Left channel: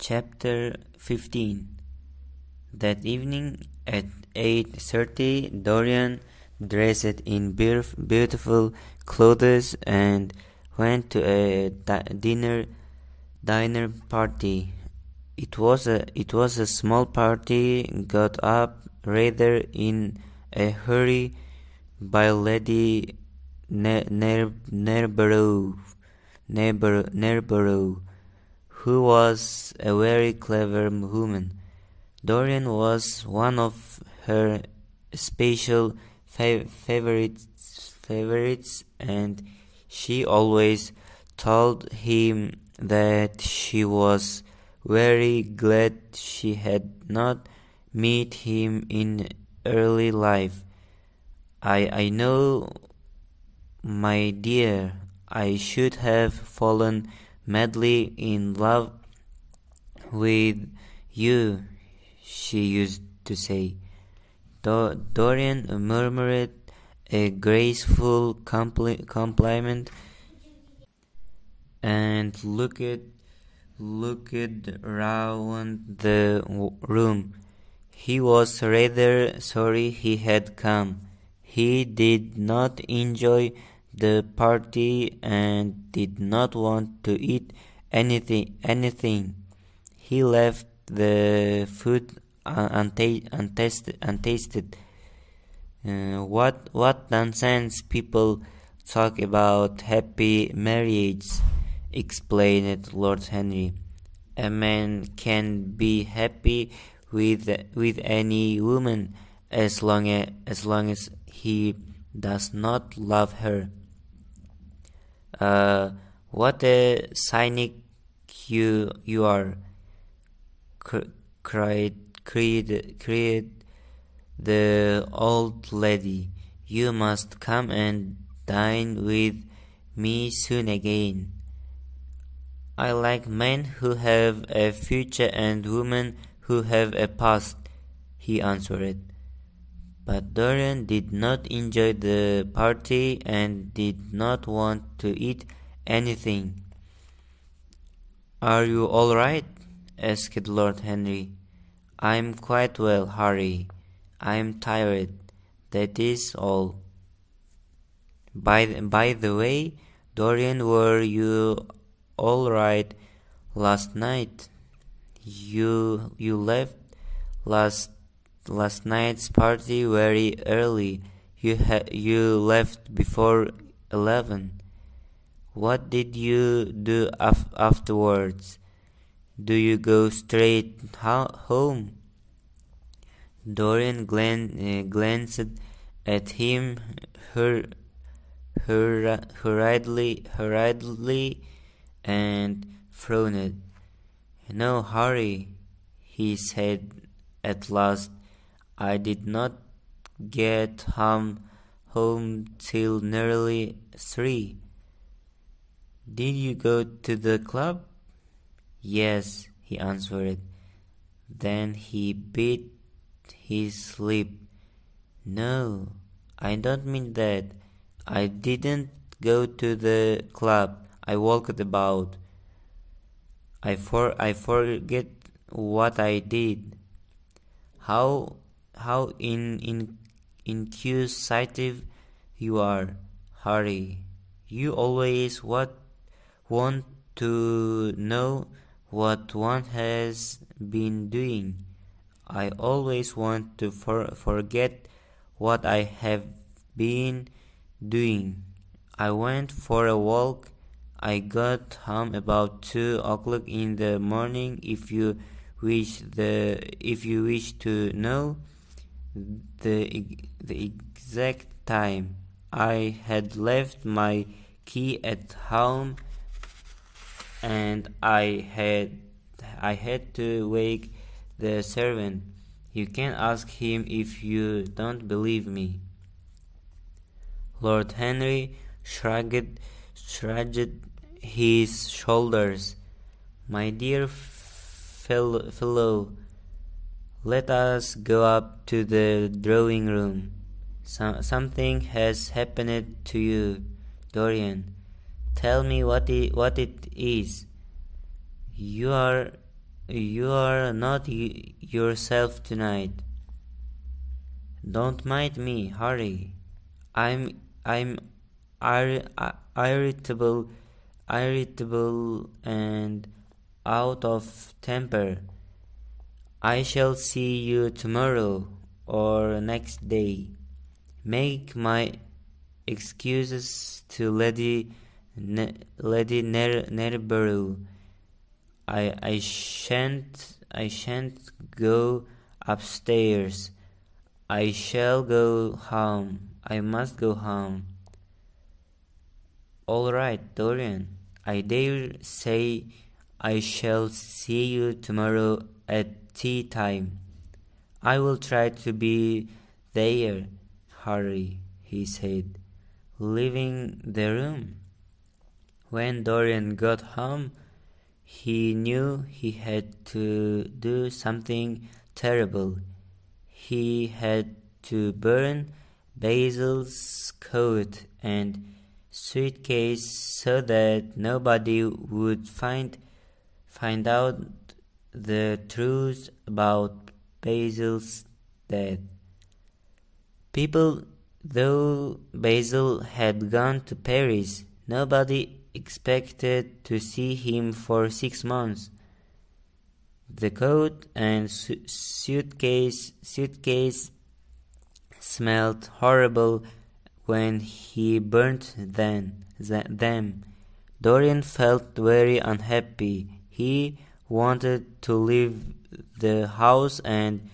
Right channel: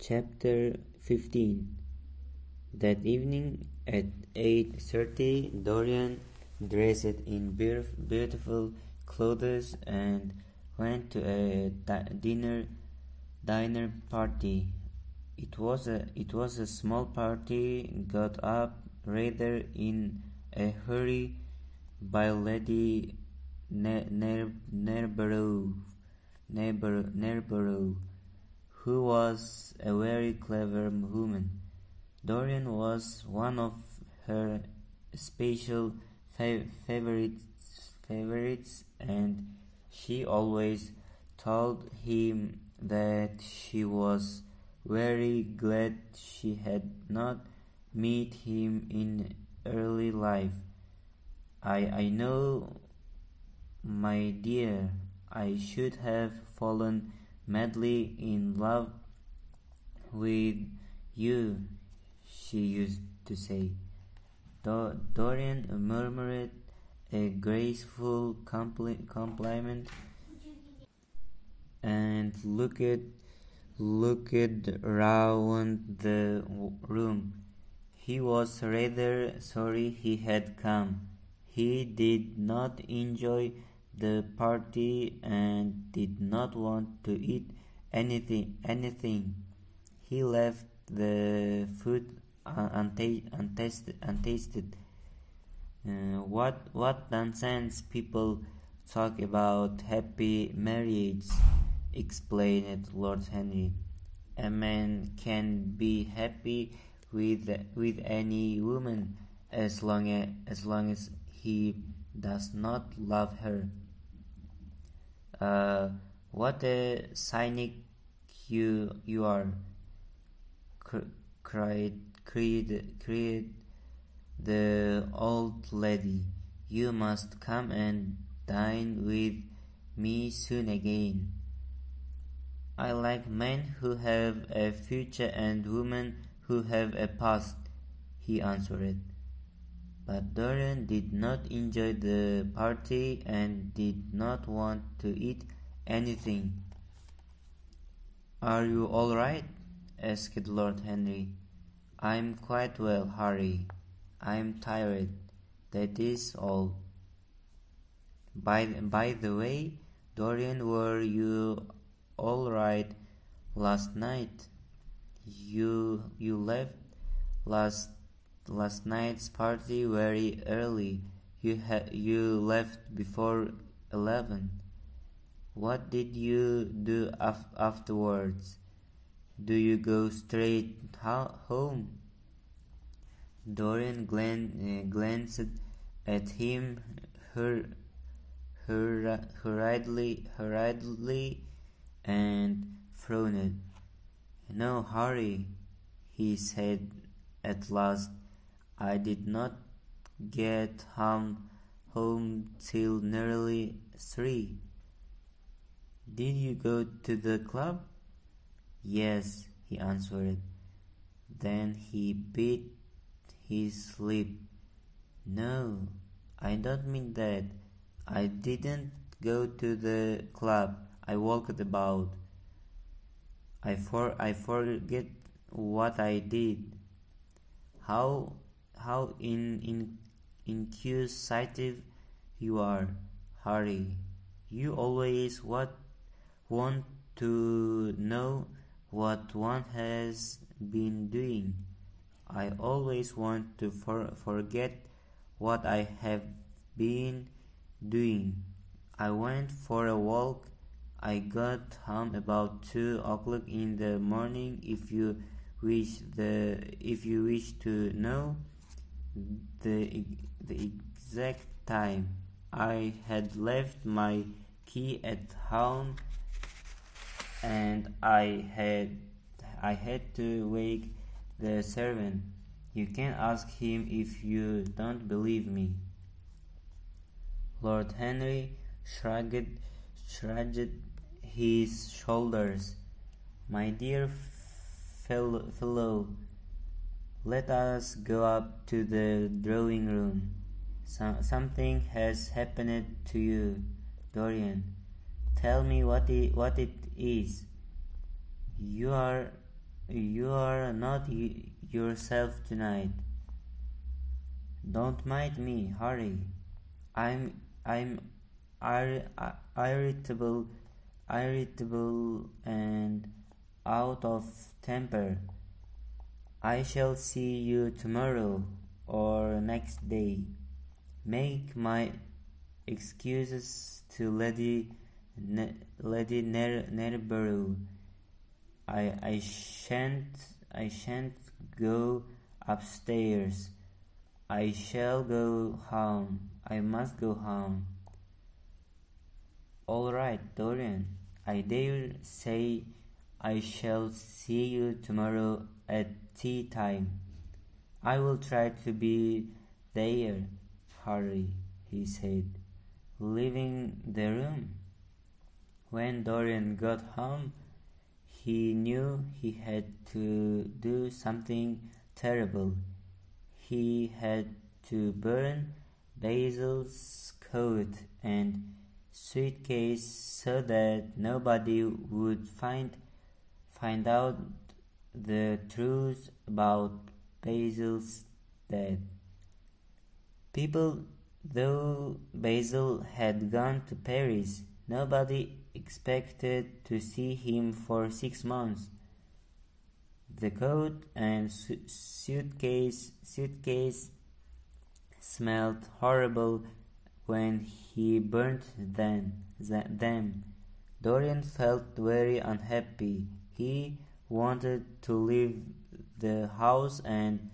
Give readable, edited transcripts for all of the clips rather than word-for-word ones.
Chapter 15. That evening at 8:30, Dorian, dressed in beautiful clothes, and went to a dinner party. It was a small party, got up rather in a hurry by Lady Nerborough, who was a very clever woman. Dorian was one of her special favorites, and she always told him that she was very glad she had not met him in early life. I know, my dear, I should have fallen madly in love with you, she used to say. Dorian murmured a graceful compliment and looked round the room. He was rather sorry he had come. He did not enjoy the party and did not want to eat anything. He left the food untasted. What nonsense people talk about happy marriage, explained Lord Henry. A man can be happy with any woman as long as he does not love her. What a cynic you are, cried the old lady. You must come and dine with me soon again. I like men who have a future and women who have a past, he answered. But Dorian did not enjoy the party and did not want to eat anything. Are you all right? Asked Lord Henry. I'm quite well, Harry. I'm tired. That is all. By the way, Dorian, were you all right last night? You left last night's party very early. You left before 11. What did you do afterwards? Do you go straight home? Dorian glanced at him hurriedly and frowned. No, Harry, he said at last. I did not get home till nearly 3. Did you go to the club? Yes, he answered. Then he bit his lip. No, I don't mean that. I didn't go to the club. I walked about. I forget what I did. How inquisitive you are, Harry. You always want to know what one has been doing. I always want to forget what I have been doing. I went for a walk. I got home about 2 o'clock in the morning. If you wish to know the exact time, I had left my key at home, and I had to wake the servant. You can ask him if you don't believe me. Lord Henry shrugged his shoulders. My dear fellow, let us go up to the drawing room. Something has happened to you, Dorian. Tell me what it is. You are You are not yourself tonight. Don't mind me, Harry. I'm irritable, and out of temper. I shall see you tomorrow or next day. Make my excuses to Lady Nerborough. I shan't go upstairs. I shall go home. I must go home. All right, Dorian. I dare say I shall see you tomorrow at tea time. I will try to be there, Harry, he said, leaving the room. When Dorian got home, he knew he had to do something terrible. He had to burn Basil's coat and suitcase so that nobody would find out the truth about Basil's death. Though Basil had gone to Paris, nobody expected to see him for 6 months. The coat and suitcase smelled horrible when he burnt them. Dorian felt very unhappy. He wanted to leave the house and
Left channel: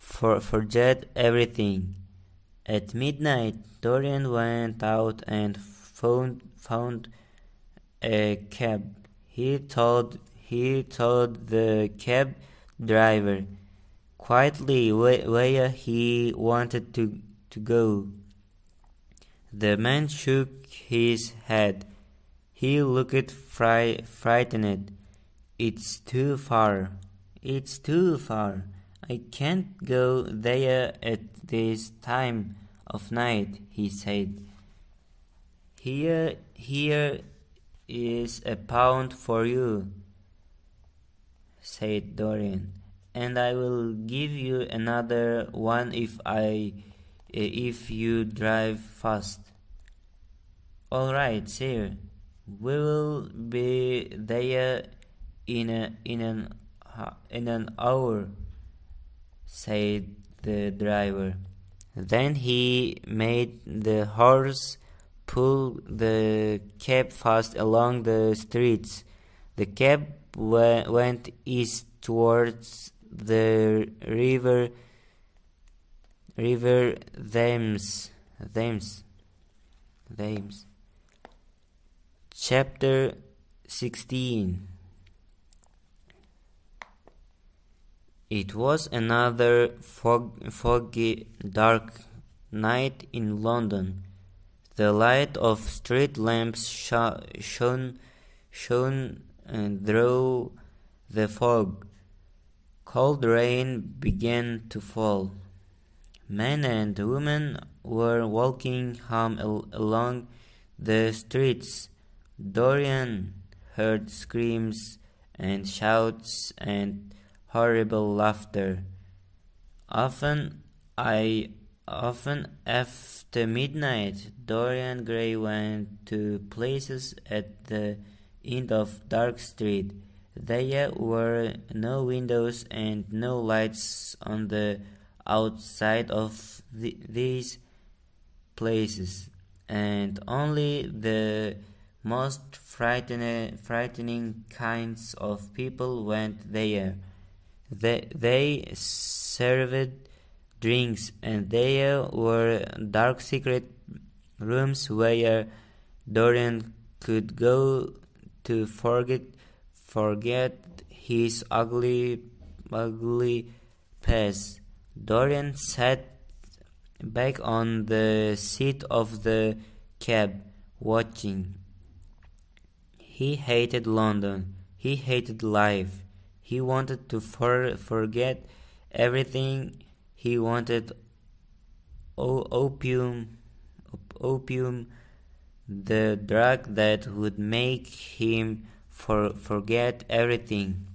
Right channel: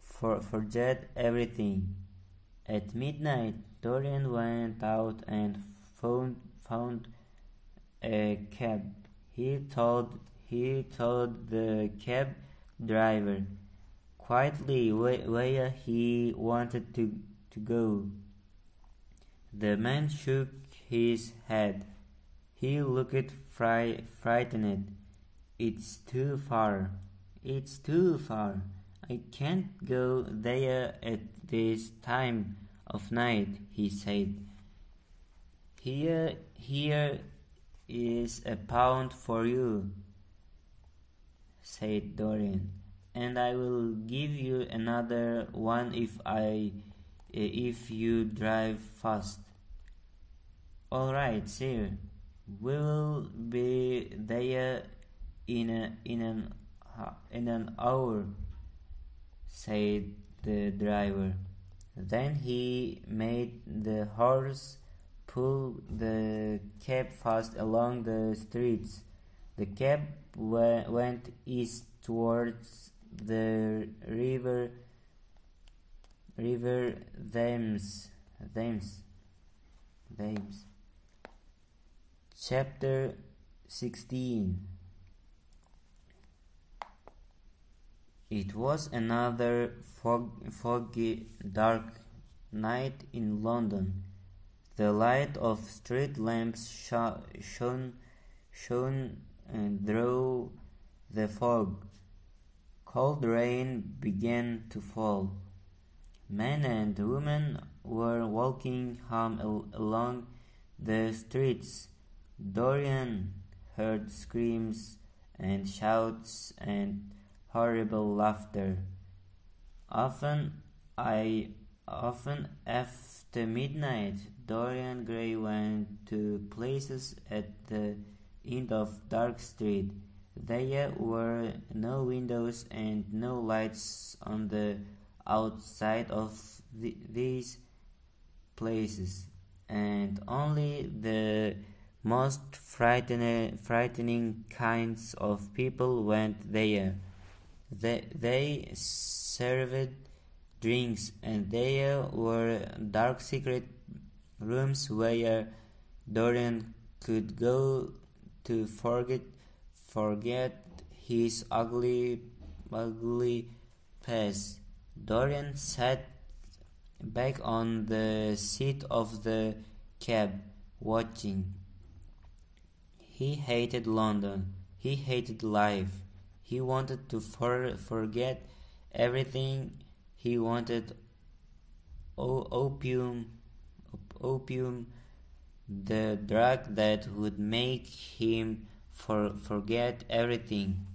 forget everything. At midnight, Dorian went out and found a cab. He told the cab driver quietly where he wanted to go. The man shook his head. He looked frightened. It's too far. I can't go there at this time of night, he said. Here is £1 for you, said Dorian, and I will give you another one if you drive fast. All right, sir. We will be there in an hour, said the driver. Then he made the horse pull the cab fast along the streets. The cab went east towards the river Thames. Chapter 16. It was another foggy, dark night in London. The light of street lamps shone through the fog. Cold rain began to fall. Men and women were walking home along the streets. Dorian heard screams and shouts and horrible laughter. Often after midnight, Dorian Grey went to places at the end of Dark Street. There were no windows and no lights on the outside of these places, and only the most frightening kinds of people went there. They served drinks, and there were dark secret rooms where Dorian could go to forget his ugly past. Dorian sat back on the seat of the cab, watching. He hated London. He hated life. He wanted to forget everything. He wanted opium, the drug that would make him forget everything.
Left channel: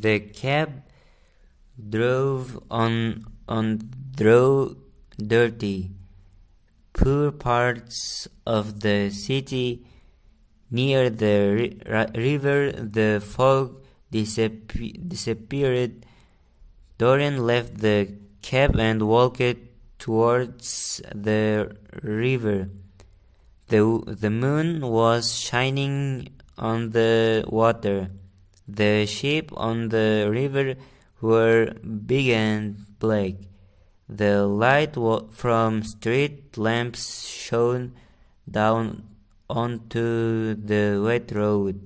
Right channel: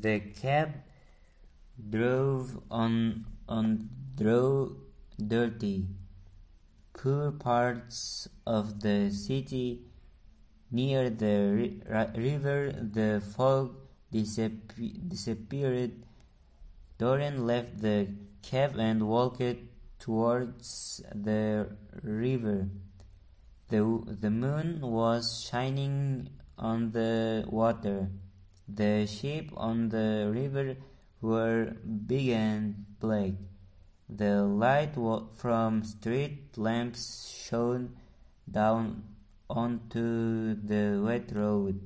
The cab drove on through dirty, poor parts of the city. Near the river, the fog disappeared. Dorian left the cab and walked towards the river. The moon was shining on the water. The ships on the river were big and black. The light from street lamps shone down onto the wet road.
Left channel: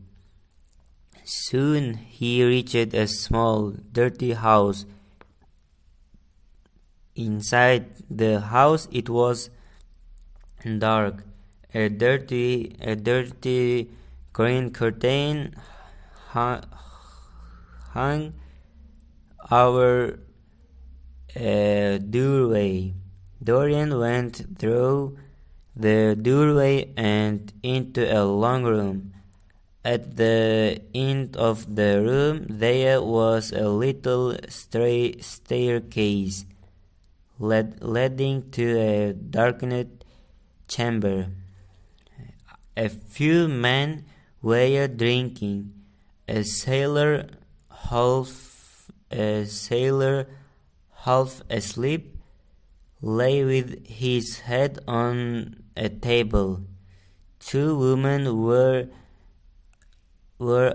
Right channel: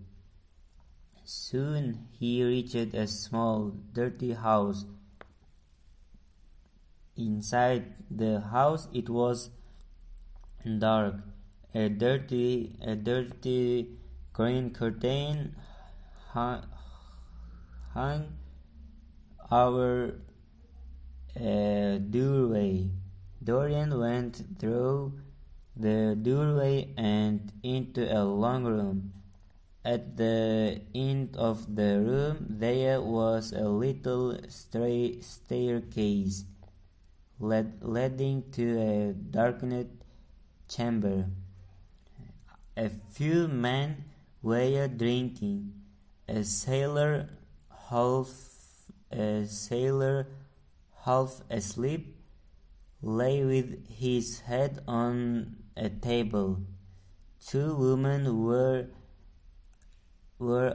Soon he reached a small, dirty house. Inside the house it was dark. A dirty green curtain hung over a doorway. Dorian went through the doorway and into a long room. At the end of the room there was a little staircase leading to a darkened chamber. A few men were drinking. A sailor half asleep lay with his head on a table. Two women were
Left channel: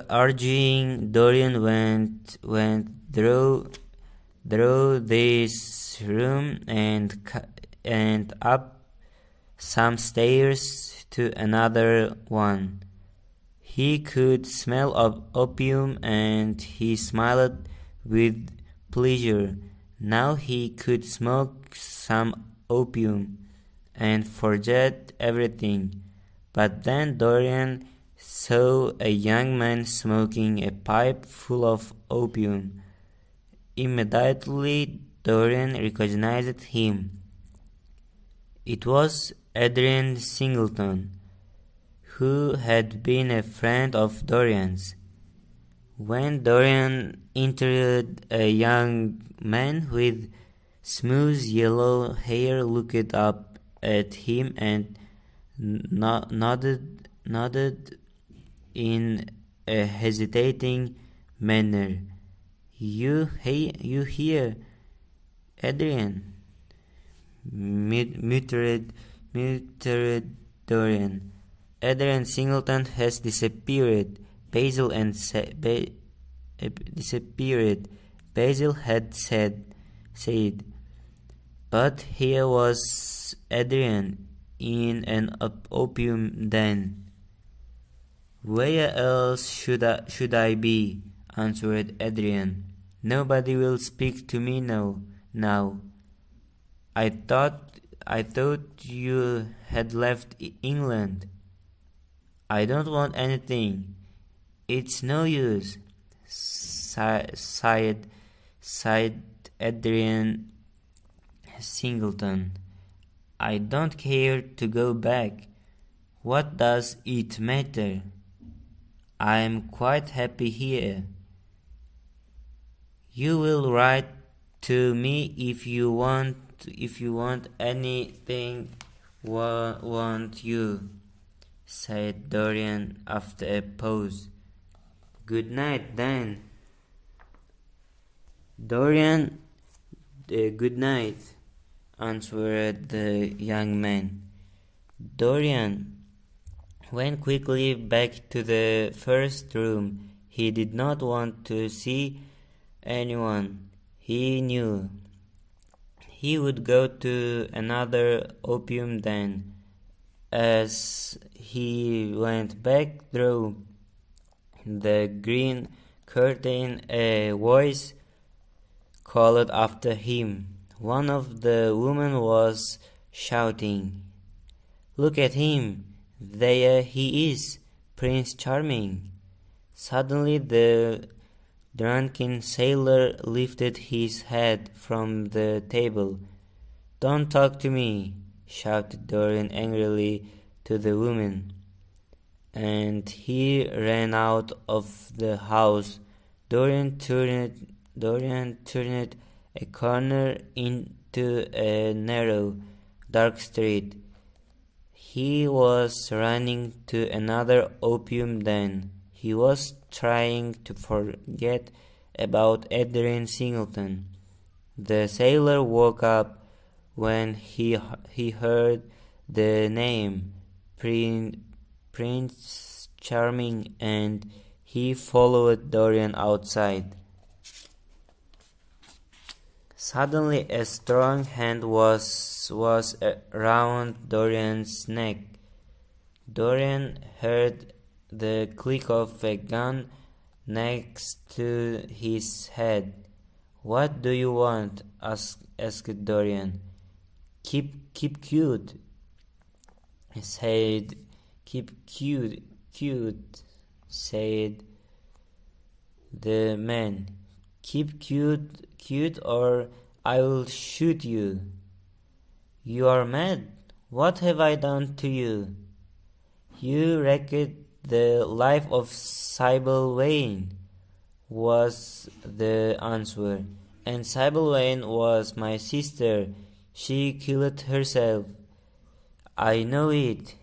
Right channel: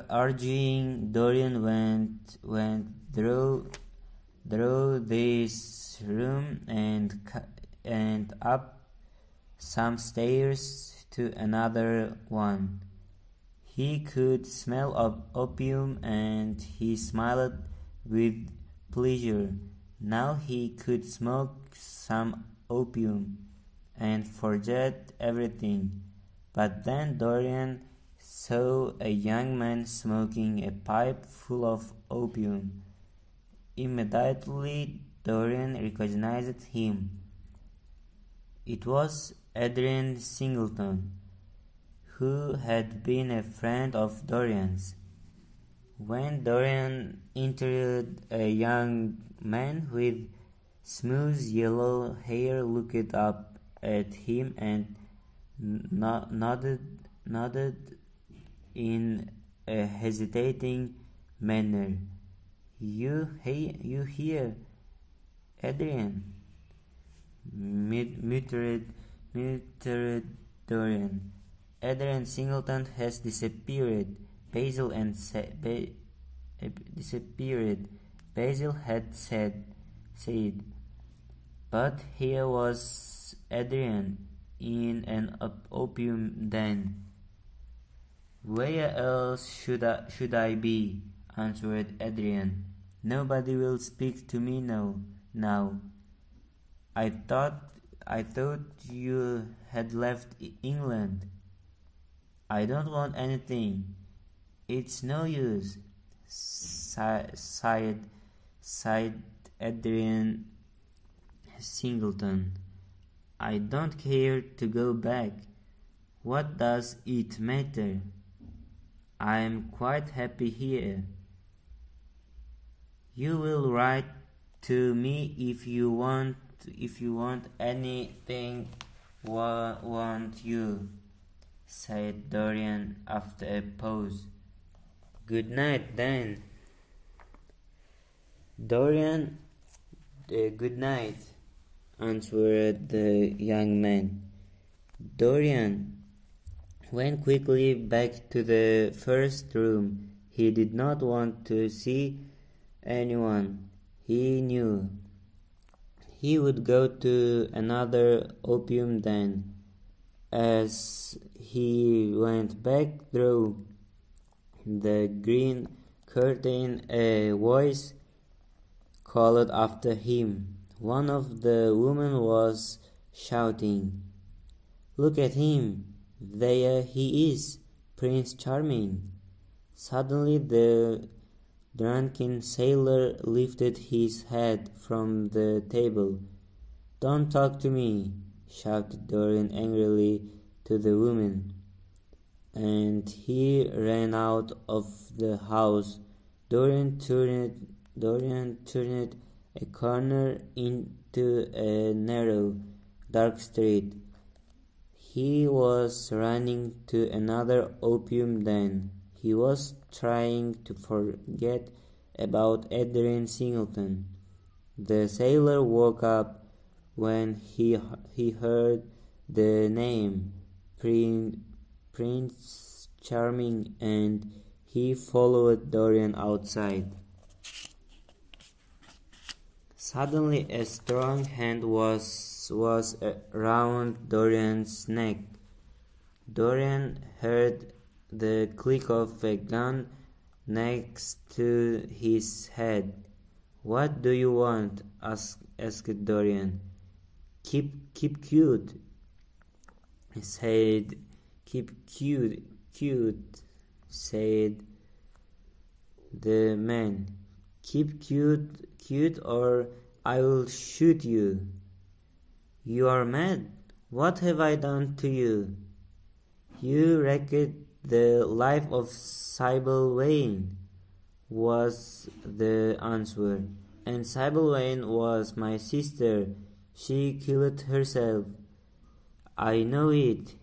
arguing. Dorian went through this room and up some stairs to another one. He could smell opium and he smiled with pleasure. Now he could smoke some opium and forget everything. But then Dorian saw a young man smoking a pipe full of opium. Immediately Dorian recognized him. It was Adrian Singleton, who had been a friend of Dorian's. When Dorian entered, a young man with smooth yellow hair looked up at him and nodded in a hesitating manner. You here, Adrian? Muttered Dorian. Adrian Singleton has disappeared. Basil had said. But here was Adrian in an opium den. Where else should I be? Answered Adrian. Nobody will speak to me now. I thought you had left England. I don't want anything. It's no use, sighed Adrian Singleton. I don't care to go back. What does it matter? I am quite happy here. You will write to me if you want anything, won't you? Said Dorian after a pause. Good night, then. Dorian, good night, answered the young man. Dorian went quickly back to the first room. He did not want to see anyone. He knew he would go to another opium den. As he went back through the green curtain, a voice called after him. One of the women was shouting, "Look at him! There he is, Prince Charming!" Suddenly the drunken sailor lifted his head from the table. "Don't talk to me!" shouted Dorian angrily to the woman, and he ran out of the house. Dorian turned a corner into a narrow, dark street. He was running to another opium den. He was trying to forget about Adrian Singleton. The sailor woke up when he heard the name Prince Charming, and he followed Dorian outside. Suddenly a strong hand was around Dorian's neck. Dorian heard the click of a gun next to his head. "What do you want?" asked Dorian. Keep cute," said. "Keep cute," said the man. "Keep cute, or I will shoot you." "You are mad. What have I done to you?" "You wrecked the life of Sybil Wayne," was the answer. "And Sybil Wayne was my sister. She killed herself." "I know it.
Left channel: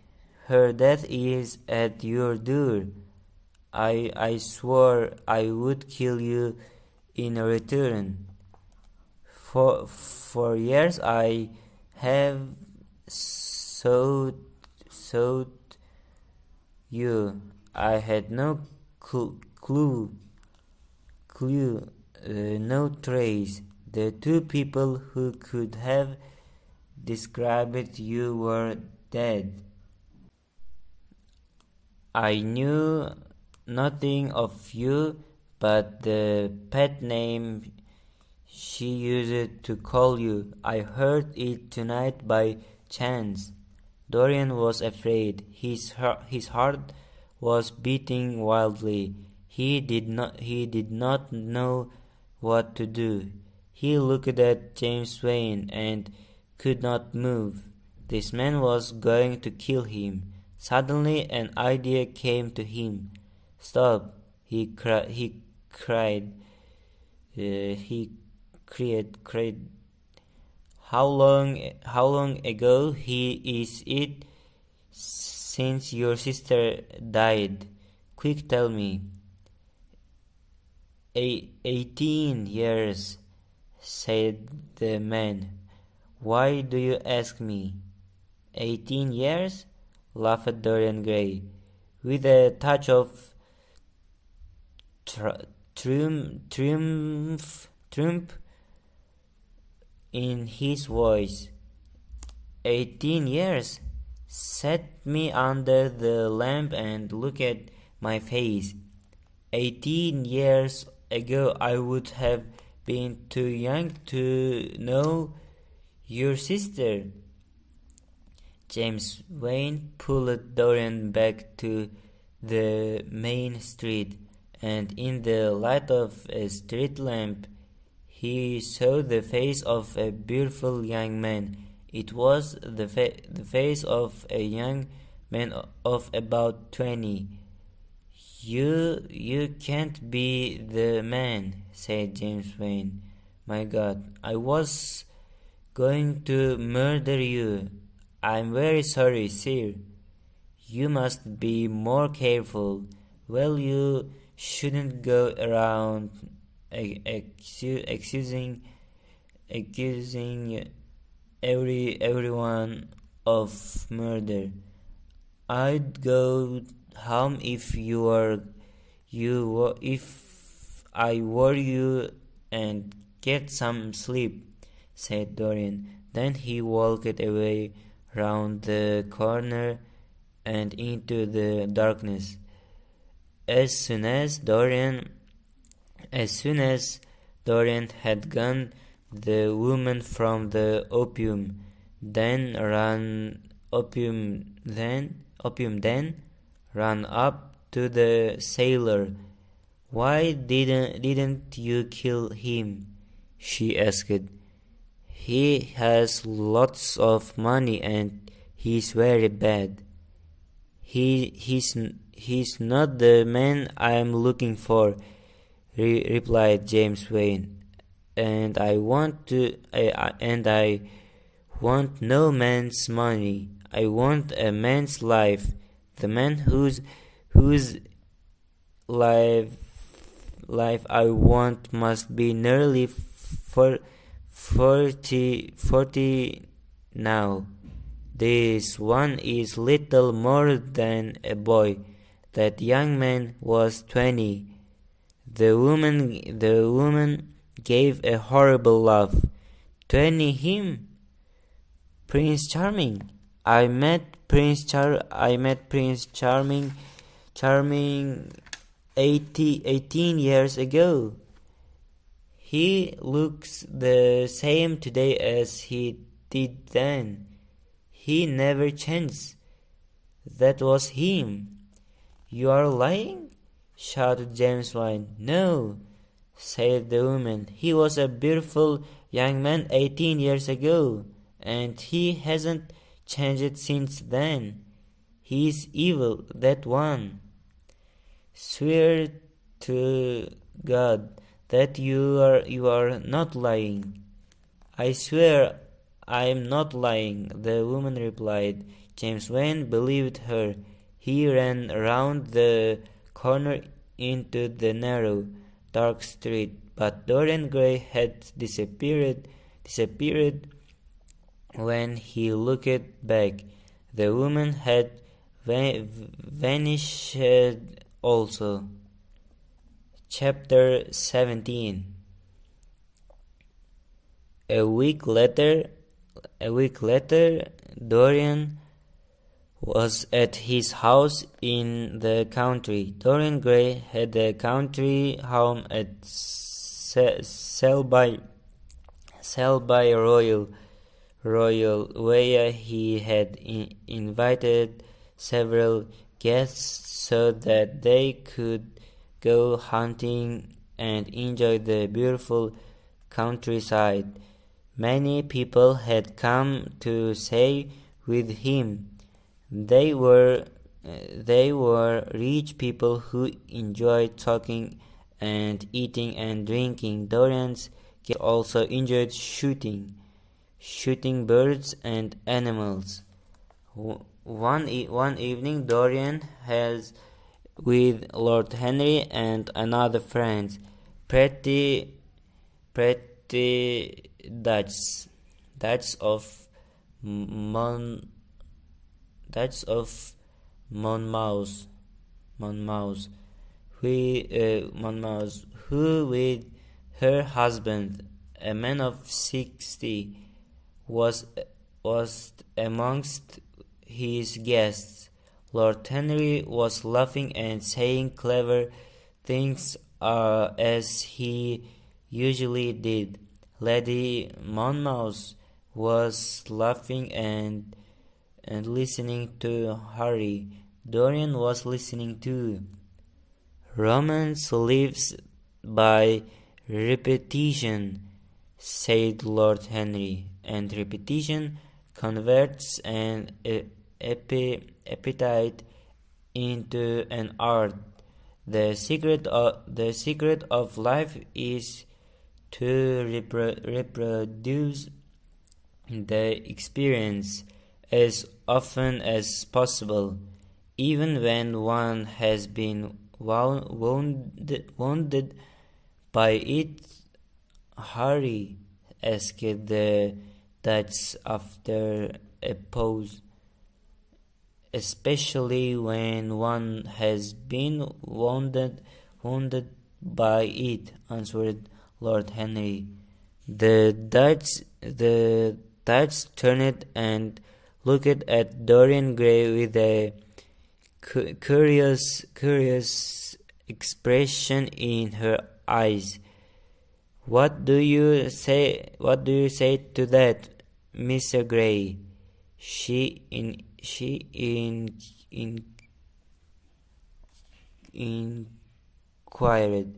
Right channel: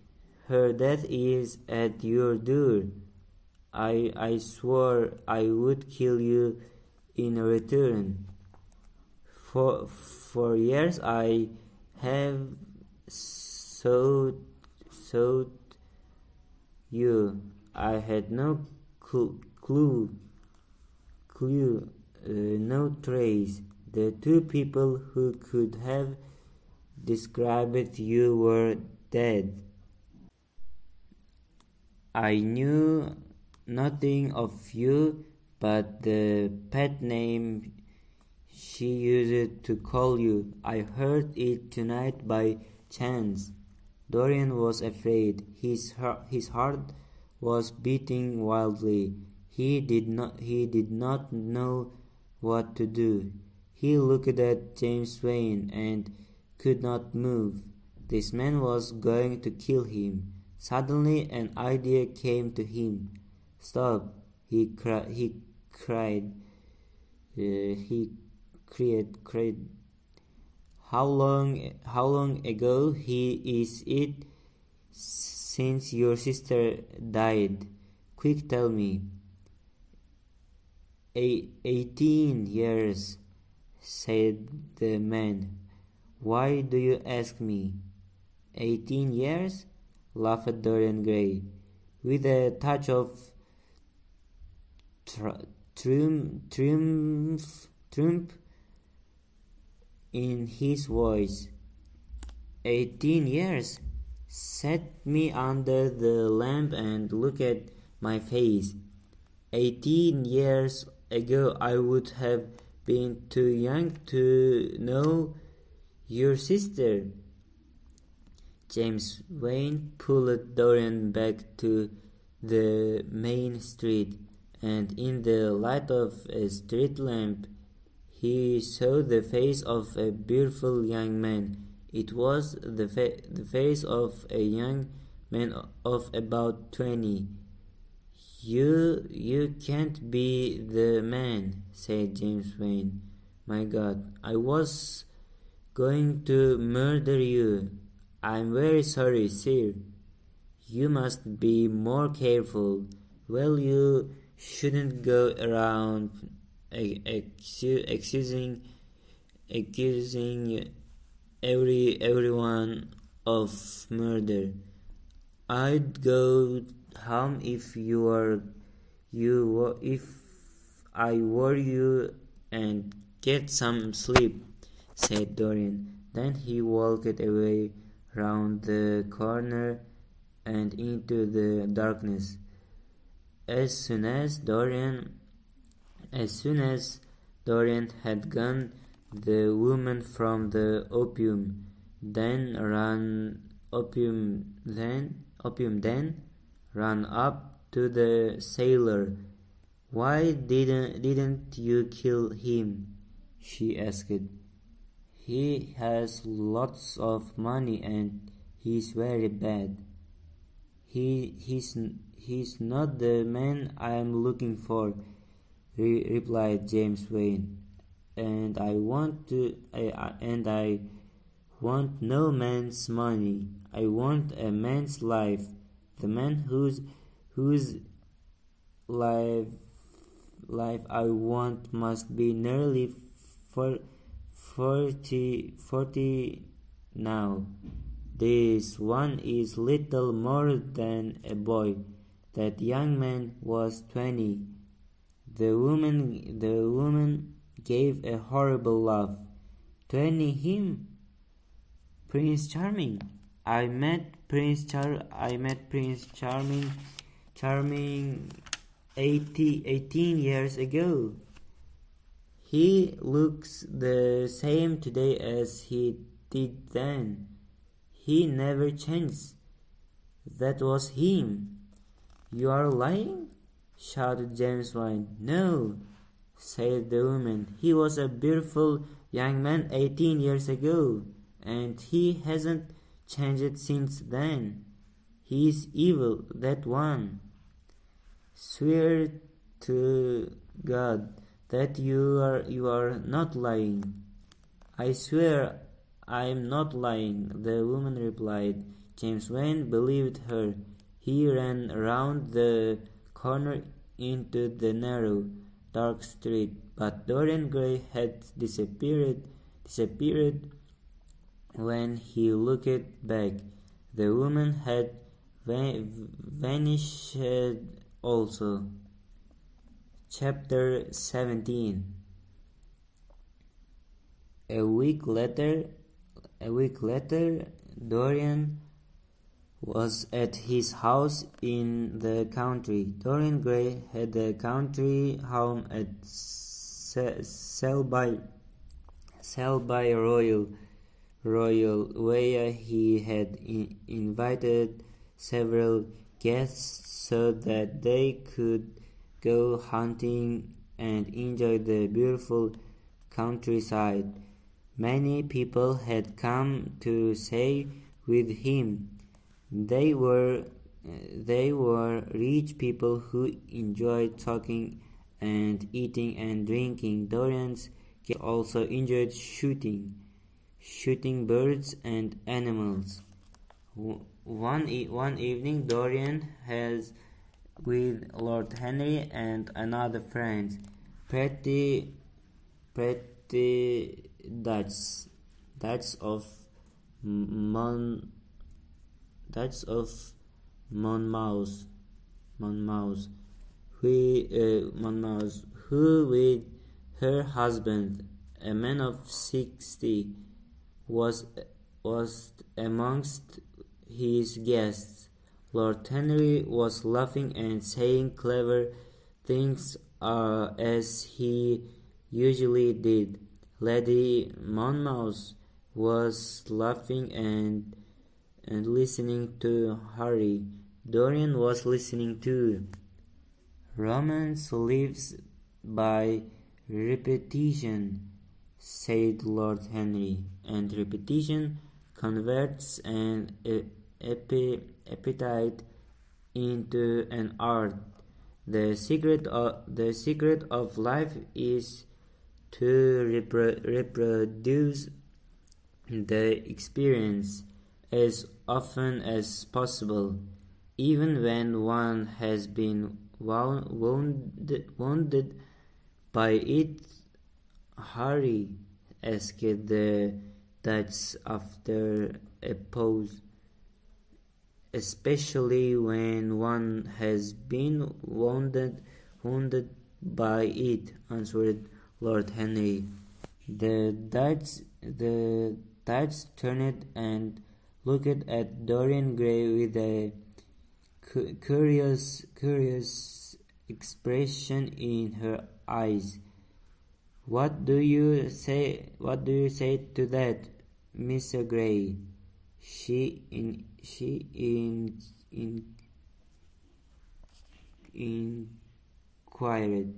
Her death is at your door. I swore I would kill you in return. For years I have sought you. I had no clue, no trace. The two people who could have described you were dead. I knew nothing of you but the pet name she used to call you. I heard it tonight by chance." Dorian was afraid. His heart was beating wildly. He did not know what to do. He looked at James Wayne and could not move. This man was going to kill him. Suddenly an idea came to him. "Stop!" he cried. How long ago is it since your sister died? Quick, tell me." 18 years, said the man. "Why do you ask me?" 18 years? laughed Dorian Gray, with a touch of triumph in his voice. 18 years? Set me under the lamp and look at my face. 18 years ago I would have been too young to know your sister. James Wayne pulled Dorian back to the main street, and in the light of a street lamp he saw the face of a beautiful young man. It was the face of a young man of about 20. You can't be the man," said James Wayne. "My God, I was going to murder you. I'm very sorry, sir. You must be more careful. Well, you shouldn't go around accusing everyone of murder. I'd go home if I were you, and get some sleep," said Dorian. Then he walked away round the corner and into the darkness. As soon as Dorian had gone, the woman from the opium den ran up to the sailor. "Why didn't you kill him?" she asked. "He has lots of money and he's very bad." He's not the man I'm looking for," replied James Wayne. And I want no man's money. I want a man's life. The man whose life I want must be nearly 40 now. This one is little more than a boy. That young man was 20. The woman gave a horrible laugh. 20 him? Prince Charming. I met Prince Charming 18 years ago. He looks the same today as he did then. He never changed. That was him. You are lying? Shouted James Wine. No, said the woman. He was a beautiful young man 18 years ago, and he hasn't changed since then. He is evil, that one. Swear to God that you are not lying. I swear I am not lying, the woman replied. James Wayne believed her. He ran around the corner into the narrow, dark street, but Dorian Grey had disappeared when he looked back. The woman had vanished also. Chapter 17. A week later, Dorian was at his house in the country. Dorian Grey had a country home at Selby Royal, where he had invited several guests so that they could go hunting and enjoy the beautiful countryside. Many people had come to stay with him. They were rich people who enjoyed talking and eating and drinking. Dorian's guests also enjoyed shooting birds and animals. One evening, Dorian has with Lord Henry and another friend, pretty Dutch of Monmouth, who with her husband, a man of 60, was amongst his guests. Lord Henry was laughing and saying clever things as he usually did. Lady Monmouth was laughing and listening to Harry. Dorian was listening too. Romance lives by repetition, said Lord Henry, and repetition converts an appetite into an art. The secret of life is to reproduce the experience as often as possible, even when one has been wounded by it. Harry asked the Dutch after a pause. Especially when one has been wounded by it, answered Lord Henry. The Dutch turned and looked at Dorian Grey with a curious expression in her eyes. What do you say to that, Mr. Grey? She inquired.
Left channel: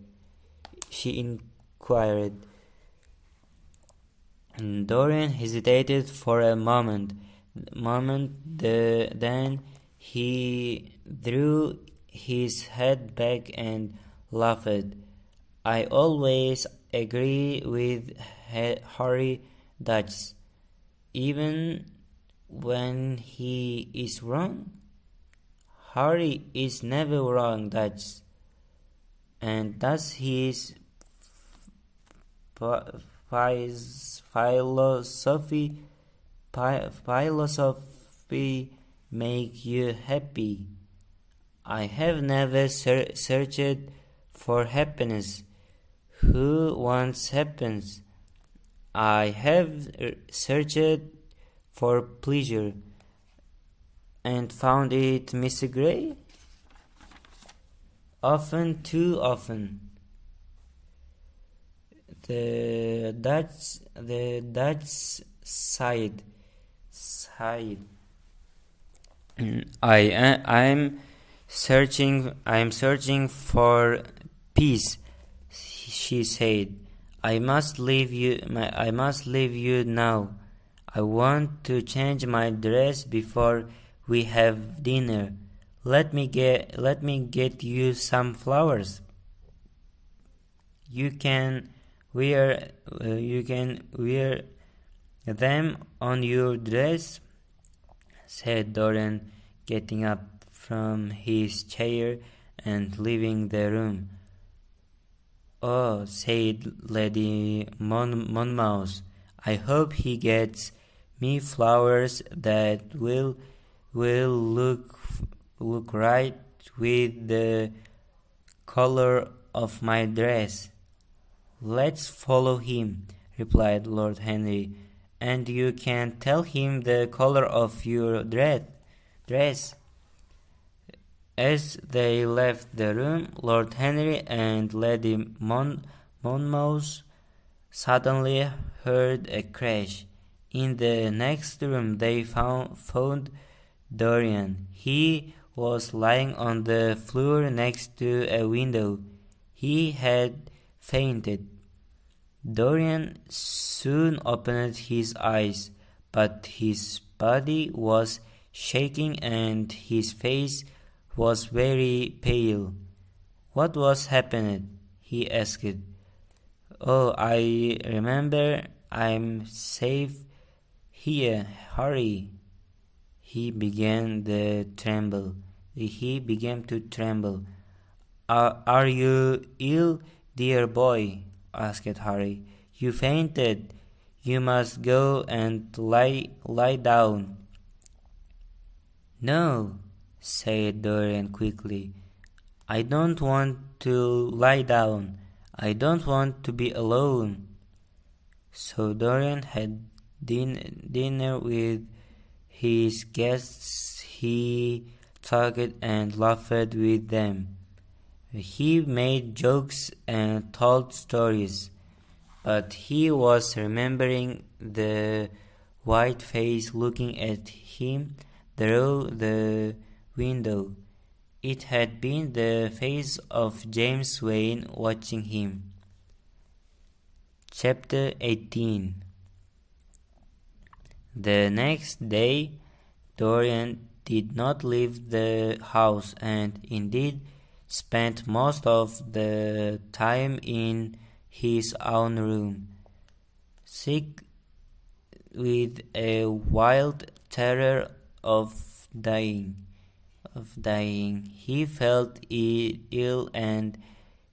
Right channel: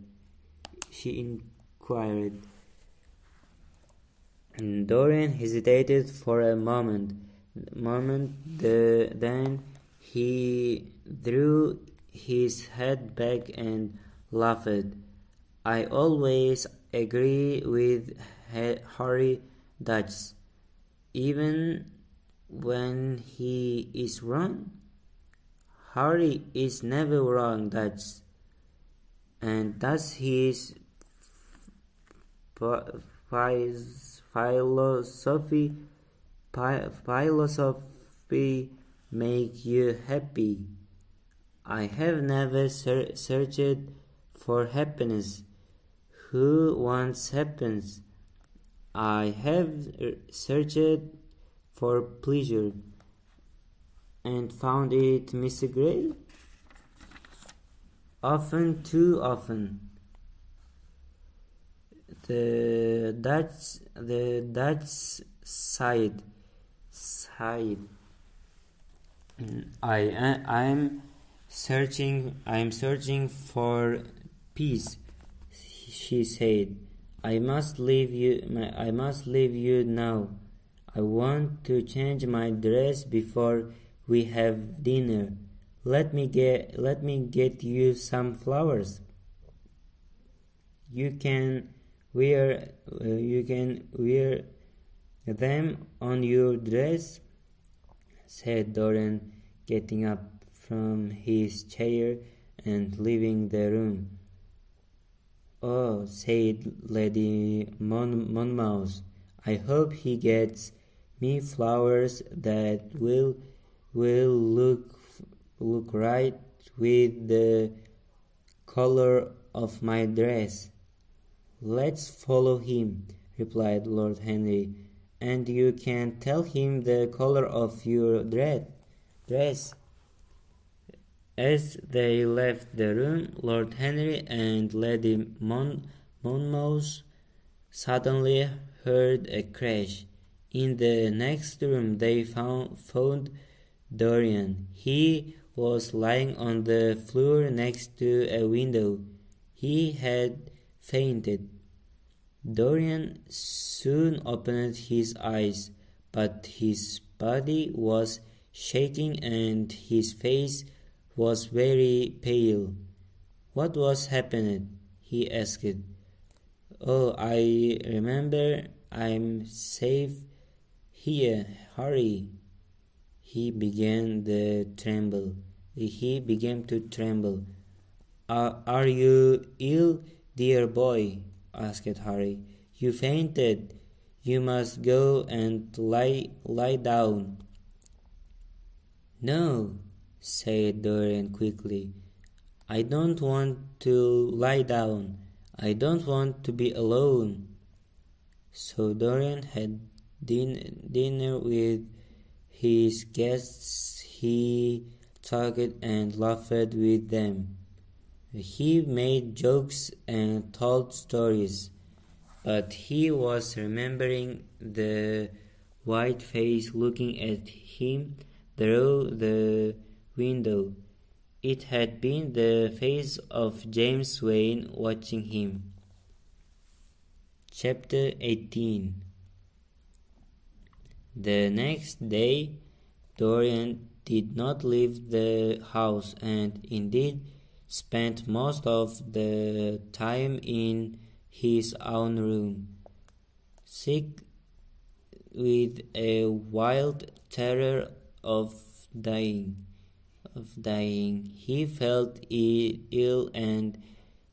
And Dorian hesitated for a moment. Then he drew his head back and laughed. I always agree with Harry Dutch, even when he is wrong. Harry is never wrong, Dutch, and that's his philosophy make you happy. I have never searched for happiness. Who wants happiness? I have searched for pleasure and found it, Mr. Grey. Often, too often. The Dutch sighed. I'm searching for peace, she said. I must leave you now. I want to change my dress before we have dinner. Let me get you some flowers. You can wear them on your dress, said Dorian, getting up from his chair and leaving the room. Oh, said Lady Monmouth, I hope he gets me flowers that will look right with the color of my dress. Let's follow him, replied Lord Henry, and you can tell him the color of your dress. As they left the room, Lord Henry and Lady Monmouth suddenly heard a crash. In the next room they found Dorian. He was lying on the floor next to a window. He had fainted. Dorian soon opened his eyes, but his body was shaking and his face was very pale. What was happening? He asked. Oh, I remember. I'm safe here. Hurry. He began to tremble. Are you ill, dear boy? Asked Harry. You fainted. You must go and lie down. No, said Dorian quickly. I don't want to lie down. I don't want to be alone. So Dorian had dinner with his guests. He talked and laughed with them. He made jokes and told stories, but he was remembering the white face looking at him through the window. It had been the face of James Wayne watching him. Chapter 18. The next day, Dorian did not leave the house and indeed spent most of the time in his own room, sick with a wild terror of dying. He felt ill and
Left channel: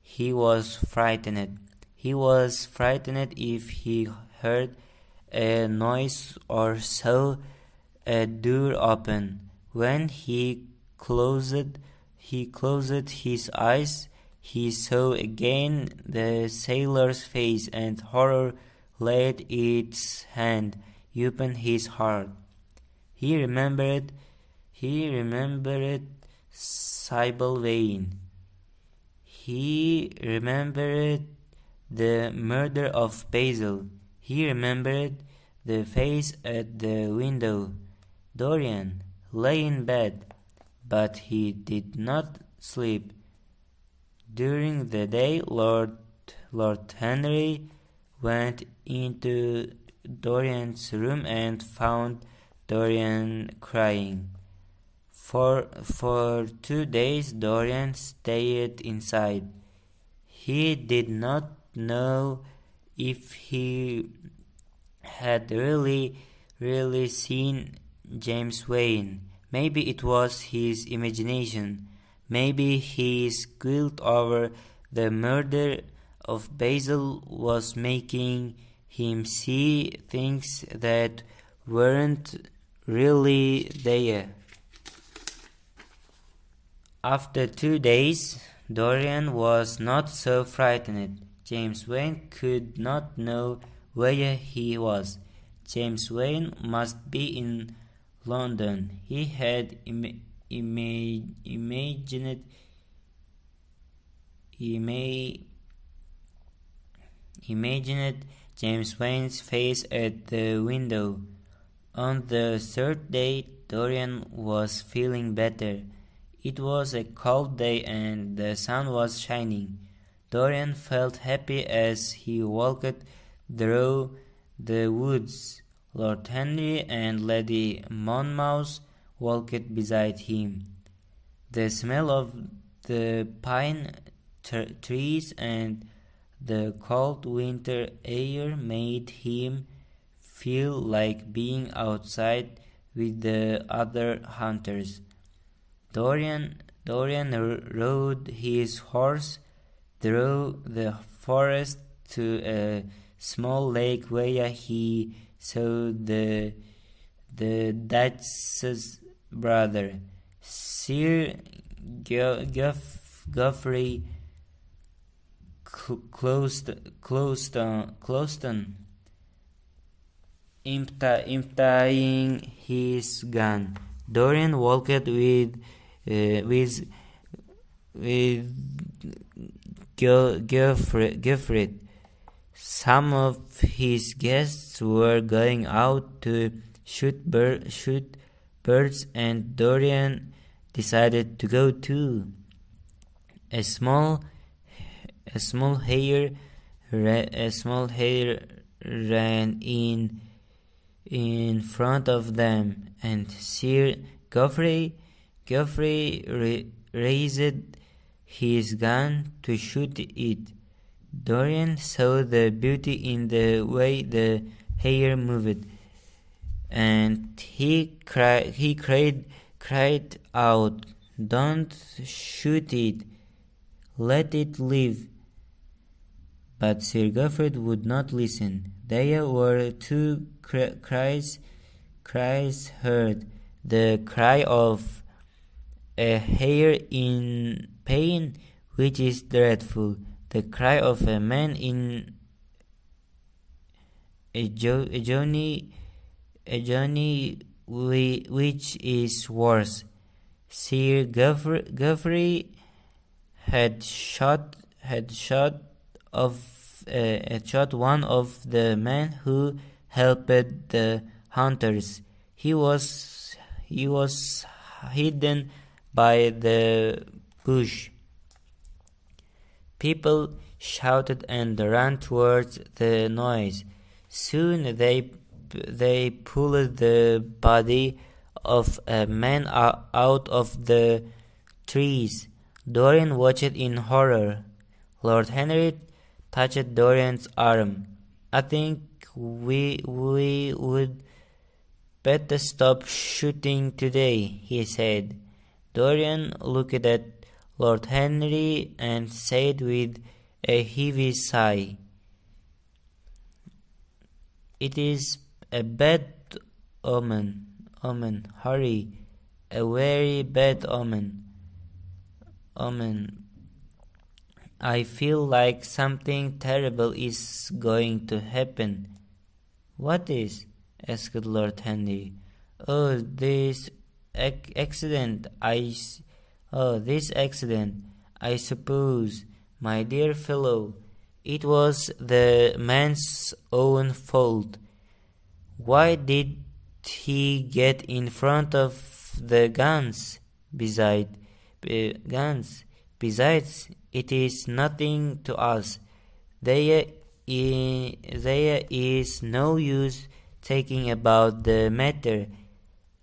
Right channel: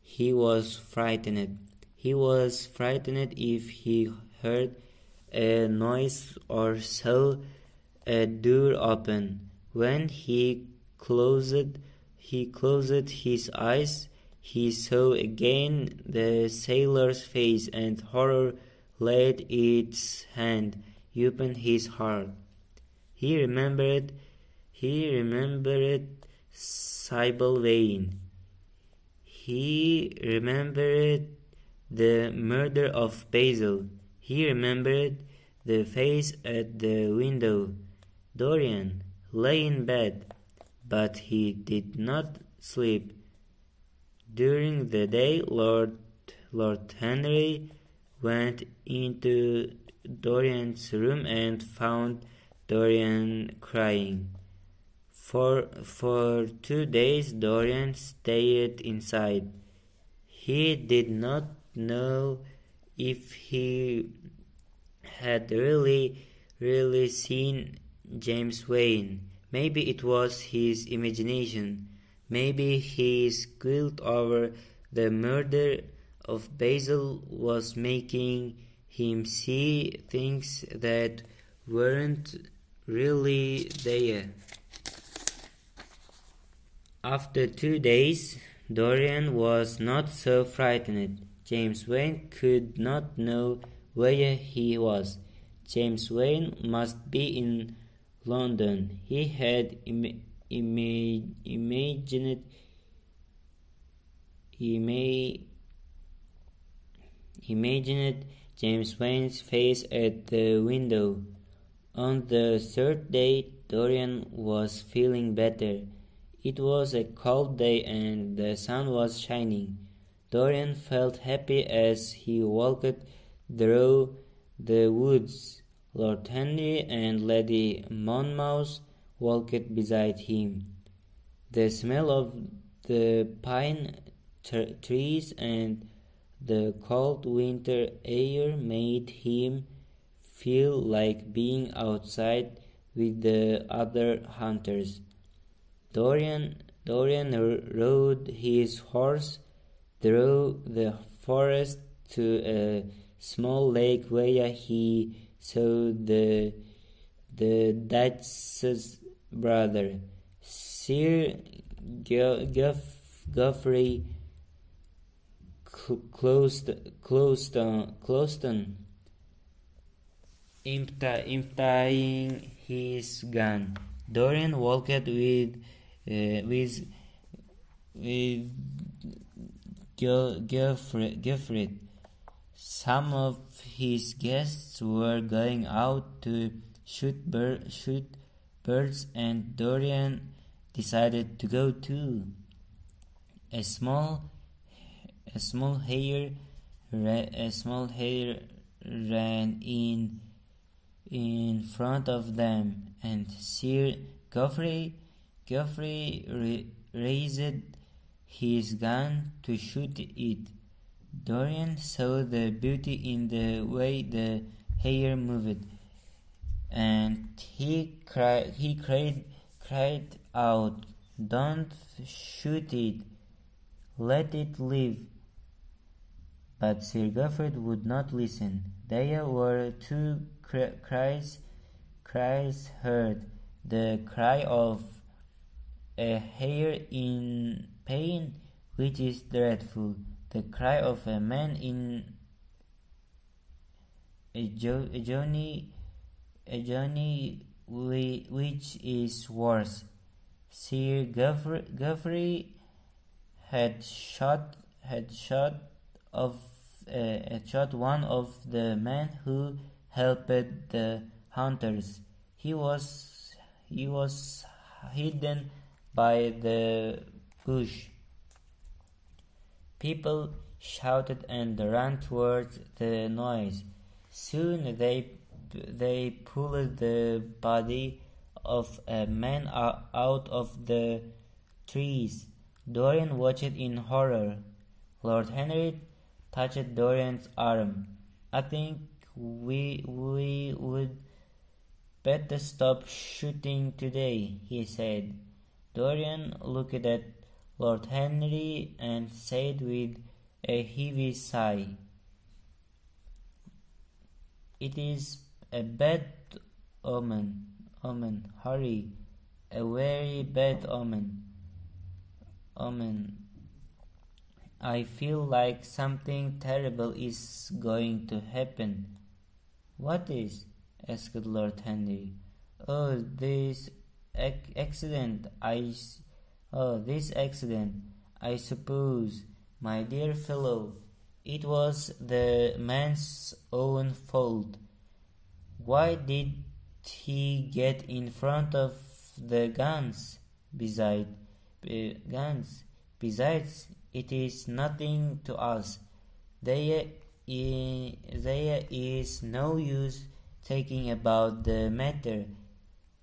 he was frightened. He was frightened if he heard a noise or saw a door open. When he closed his eyes, he saw again the sailor's face, and horror laid its hand upon his heart. He remembered Sybil Vane. He remembered the murder of Basil. He remembered the face at the window. Dorian lay in bed, but he did not sleep. During the day, Lord Henry went into Dorian's room and found Dorian crying. For 2 days Dorian stayed inside. He did not know if he had really seen James Wayne. Maybe it was his imagination. Maybe his guilt over the murder of Basil was making him see things that weren't really there. After 2 days, Dorian was not so frightened. James Wayne could not know where he was. James Wayne must be in London. He had imagined James Wayne's face at the window. On the third day, Dorian was feeling better. It was a cold day and the sun was shining. Dorian felt happy as he walked through the woods. Lord Henry and Lady Monmouth walked beside him. The smell of the pine trees and the cold winter air made him feel like being outside with the other hunters. Dorian rode his horse through the forest to a small lake where he saw the Duchess's brother, Sir Geoffrey Closton, emptying his gun. Dorian walked with Geoffrey. Some of his guests were going out to shoot birds, and Dorian decided to go too. A small hare ran in front of them, and Sir Geoffrey raised his gun to shoot it. Dorian saw the beauty in the way the hare moved, and he cried out, "Don't shoot it, let it live." But Sir Geoffrey would not listen. There were two cries heard: the cry of a hare in pain, which is dreadful; the cry of a man in a journey, which is worse. Sir Geoffrey had shot one of the men who helped the hunters. He was hidden by the bush. People shouted and ran towards the noise. Soon they pulled the body of a man out of the trees. Dorian watched in horror. Lord Henry touched Dorian's arm. "I think we would better stop shooting today," he said. Dorian looked at Lord Henry and said with a heavy sigh, "It is a bad omen, Harry, a very bad omen. I feel like something terrible is going to happen." "What is?" asked Lord Henry. "Oh, this accident, I suppose, my dear fellow. It was the man's own fault. Why did he get in front of the guns? Besides, it is nothing to us. There is no use talking about the matter.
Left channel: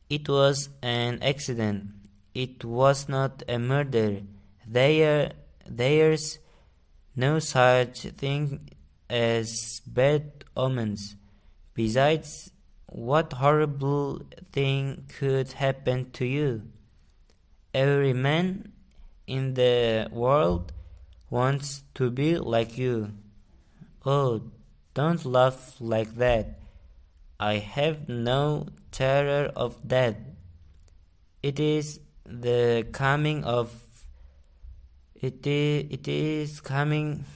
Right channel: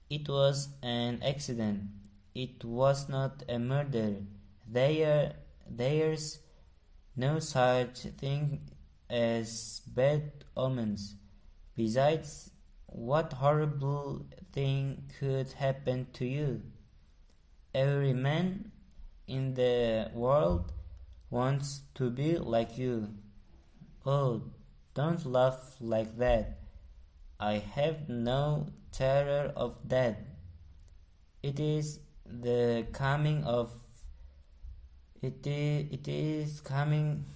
It was an accident. It was not a murder. There's no such thing as bad omens. Besides, what horrible thing could happen to you? Every man in the world wants to be like you. Oh, don't laugh like that. I have no terror of death. It is the coming of it is coming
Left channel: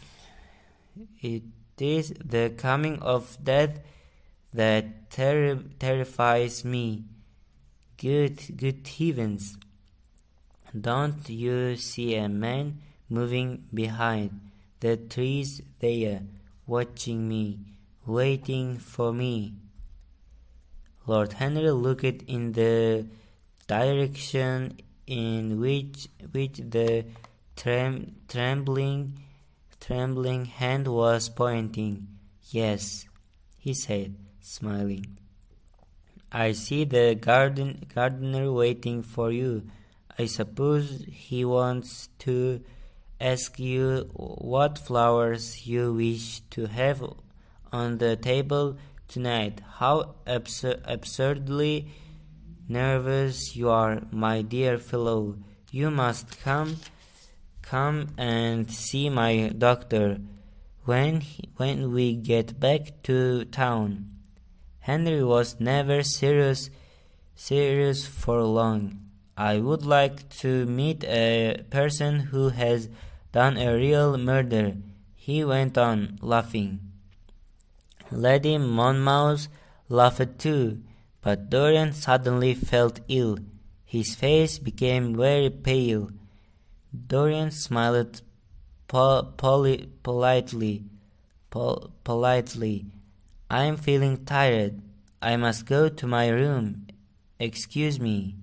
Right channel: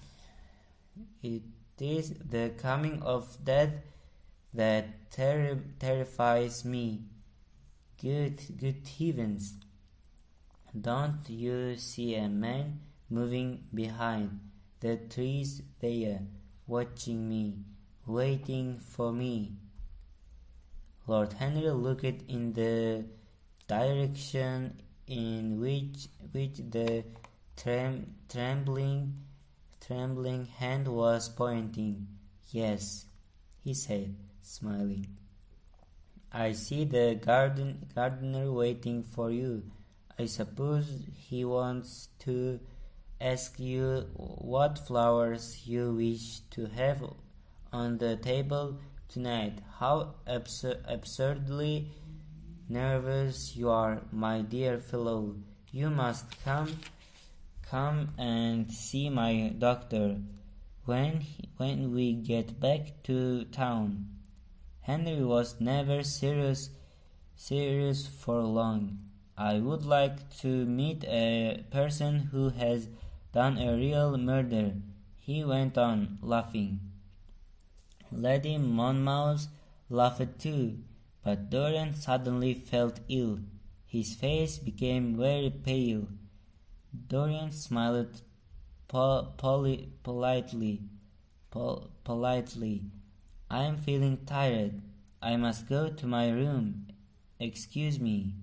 it is the coming of death that terrifies me. Good heavens. Don't you see a man moving behind the trees there, watching me, waiting for me? Lord Henry looked in the direction in which the trembling hand was pointing. Yes, he said, smiling. I see the gardener waiting for you. I suppose he wants to ask you what flowers you wish to have on the table tonight. How absurdly nervous you are, my dear fellow. You must come and see my doctor when we get back to town. Henry was never serious for long. I would like to meet a person who has done a real murder, he went on, laughing. Lady Monmouth laughed too, but Dorian suddenly felt ill. His face became very pale. Dorian smiled politely. I am feeling tired. I must go to my room. Excuse me.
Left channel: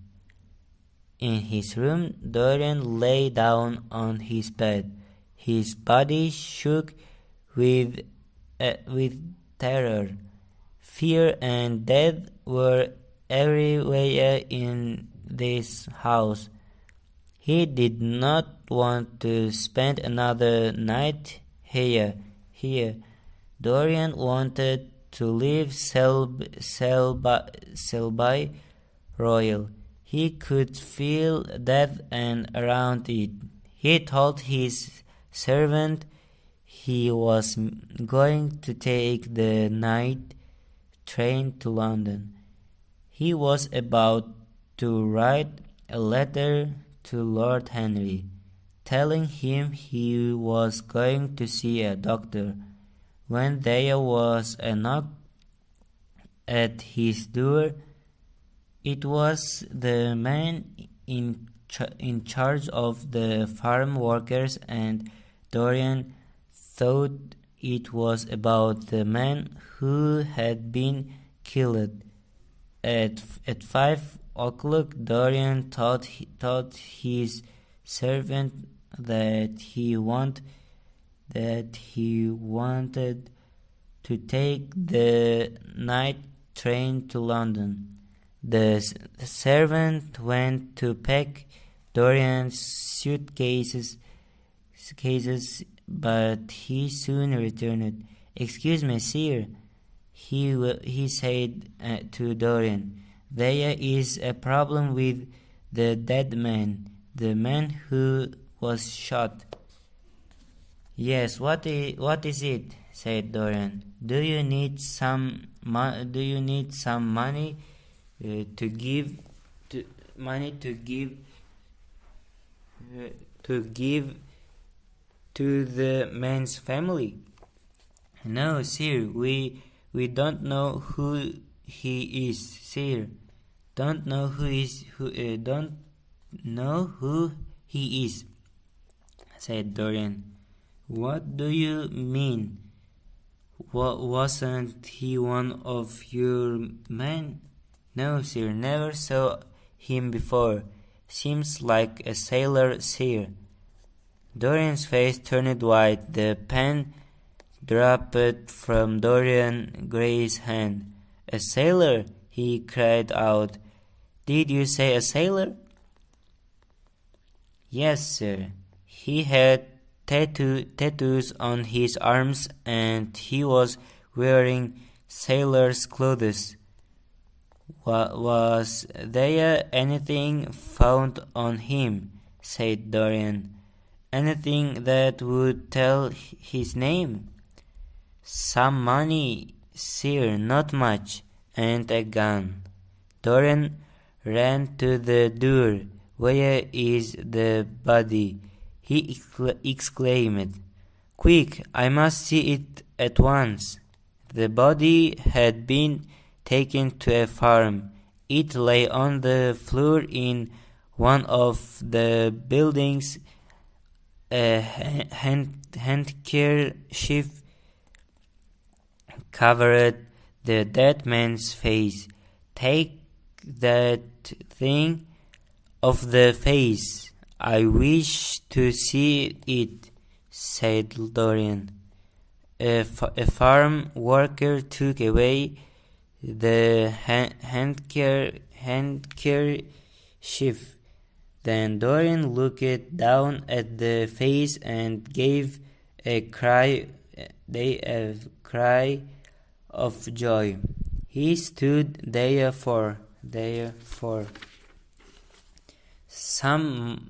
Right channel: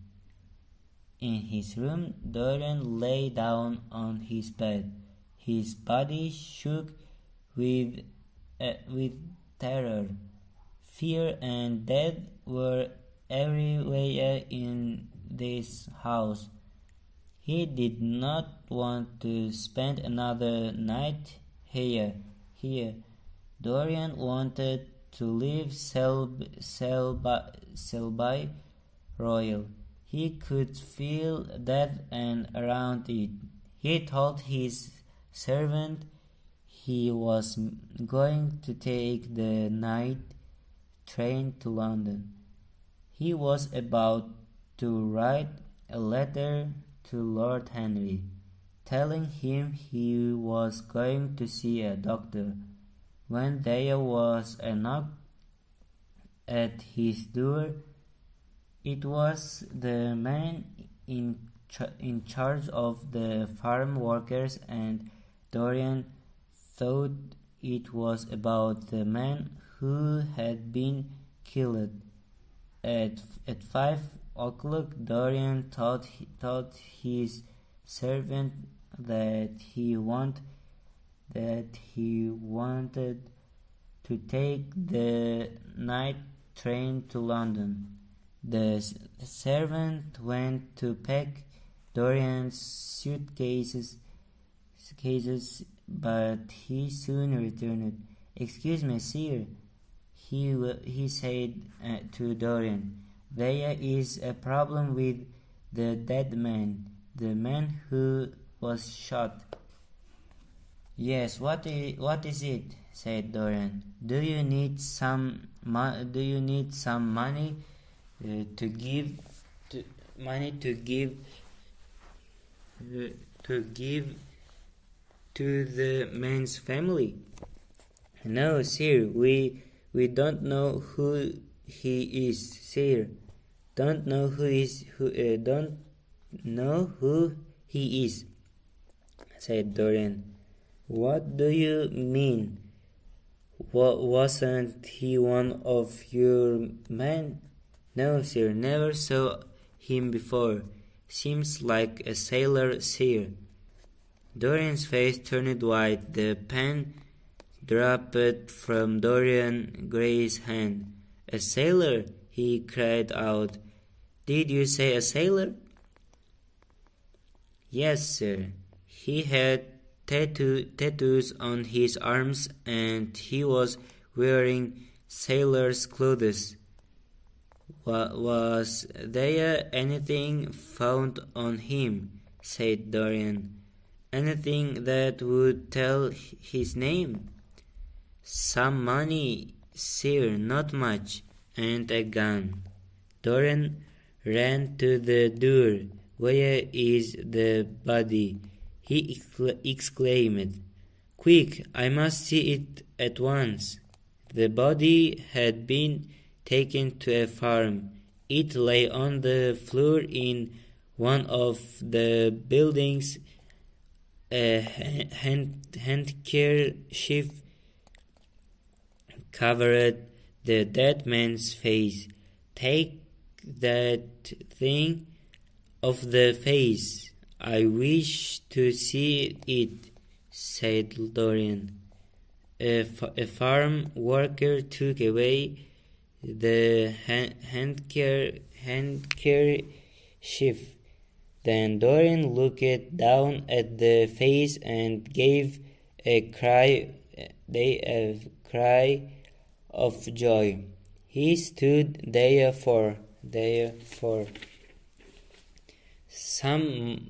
In his room, Dorian lay down on his bed. His body shook with terror. Fear and death were everywhere in this house. He did not want to spend another night here. Dorian wanted to leave Selby Royal. He could feel death and around it. He told his servant he was going to take the night train to London. He was about to write a letter to Lord Henry, telling him he was going to see a doctor, when there was a knock at his door. It was the man in charge of the farm workers, and Dorian thought it was about the man who had been killed. At 5 o'clock, Dorian told his servant that he wanted to take the night train to London. The servant went to pack Dorian's suitcases, but he soon returned. Excuse me, sir, he said to Dorian. There is a problem with the dead man, the man who was shot. Yes, what is it? Said Dorian. Do you need some money to give to the man's family? No, sir, we don't know who he is, sir. Don't know who he is, said Dorian. What do you mean? Wasn't he one of your men? No, sir, never saw him before. Seems like a sailor, sir. Dorian's face turned white. The pen dropped from Dorian Gray's hand. A sailor, he cried out. Did you say a sailor? Yes, sir. He had tattoos on his arms, and he was wearing sailor's clothes. Was there anything found on him? Said Dorian. Anything that would tell his name? Some money, sir, not much, and a gun. Dorian ran to the door. Where is the body? He exclaimed. Quick, I must see it at once. The body had been taken to a farm. It lay on the floor in one of the buildings. A handkerchief covered the dead man's face. Take that thing off the face. I wish to see it, said Dorian. A farm worker took away the handkerchief. Then Dorian looked down at the face and gave a cry of joy. He stood there for some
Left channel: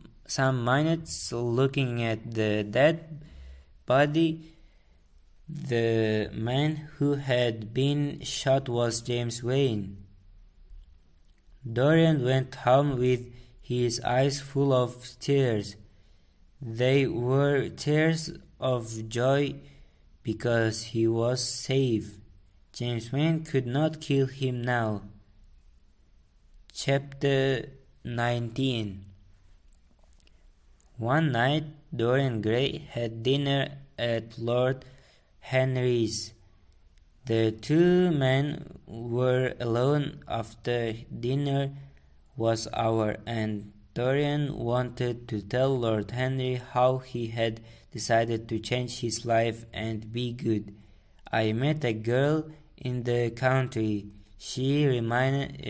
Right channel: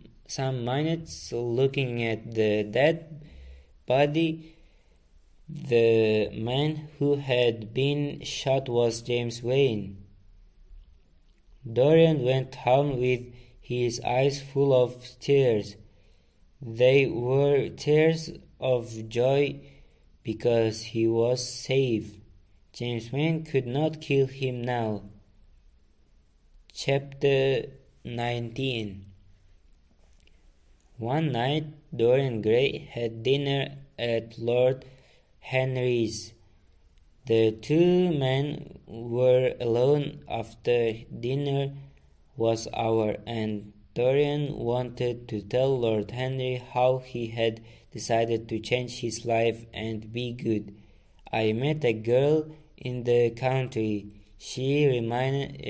minutes looking at the dead body. The man who had been shot was James Wayne. Dorian went home with his eyes full of tears. They were tears of joy because he was safe. James Wayne could not kill him now. Chapter 19. One night Dorian Grey had dinner at Lord Henry's. The two men were alone after dinner was over, and Dorian wanted to tell Lord Henry how he had decided to change his life and be good. I met a girl in the country. She reminded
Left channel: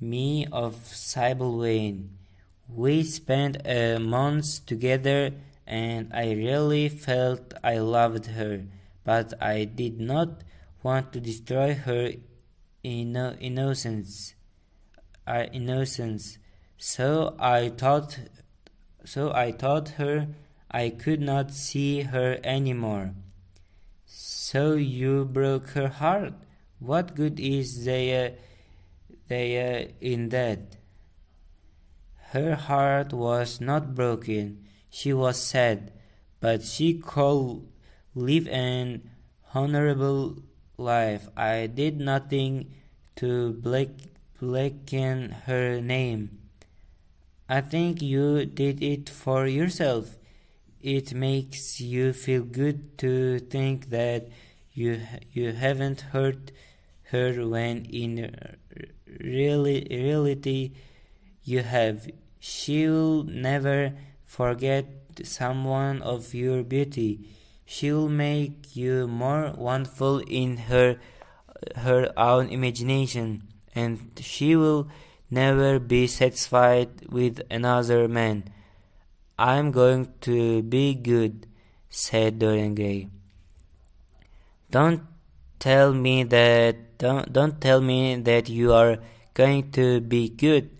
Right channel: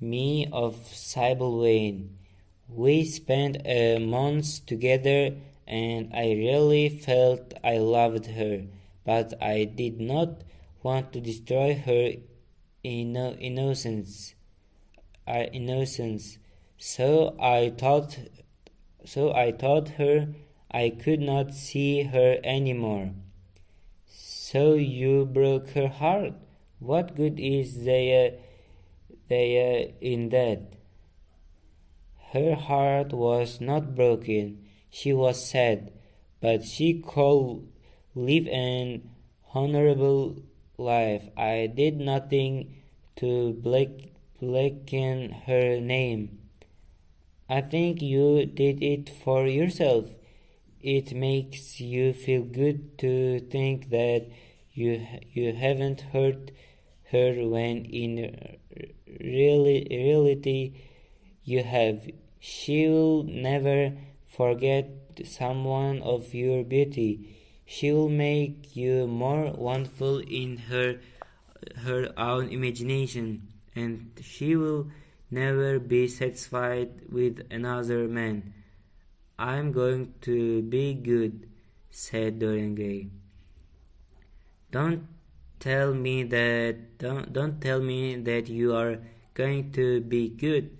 me of Sybil Wayne. We spent a month together, and I really felt I loved her, but I did not want to destroy her innocence. So I told her I could not see her anymore. So you broke her heart? What good is there in that? Her heart was not broken. She was sad, but she could live an honorable life. I did nothing to blacken her name. I think you did it for yourself. It makes you feel good to think that you haven't hurt her when in reality you have. She will never forget someone of your beauty. She will make you more wonderful in her own imagination, and she will never be satisfied with another man. I'm going to be good, said Dorian Gray. Don't tell me that you are going to be good,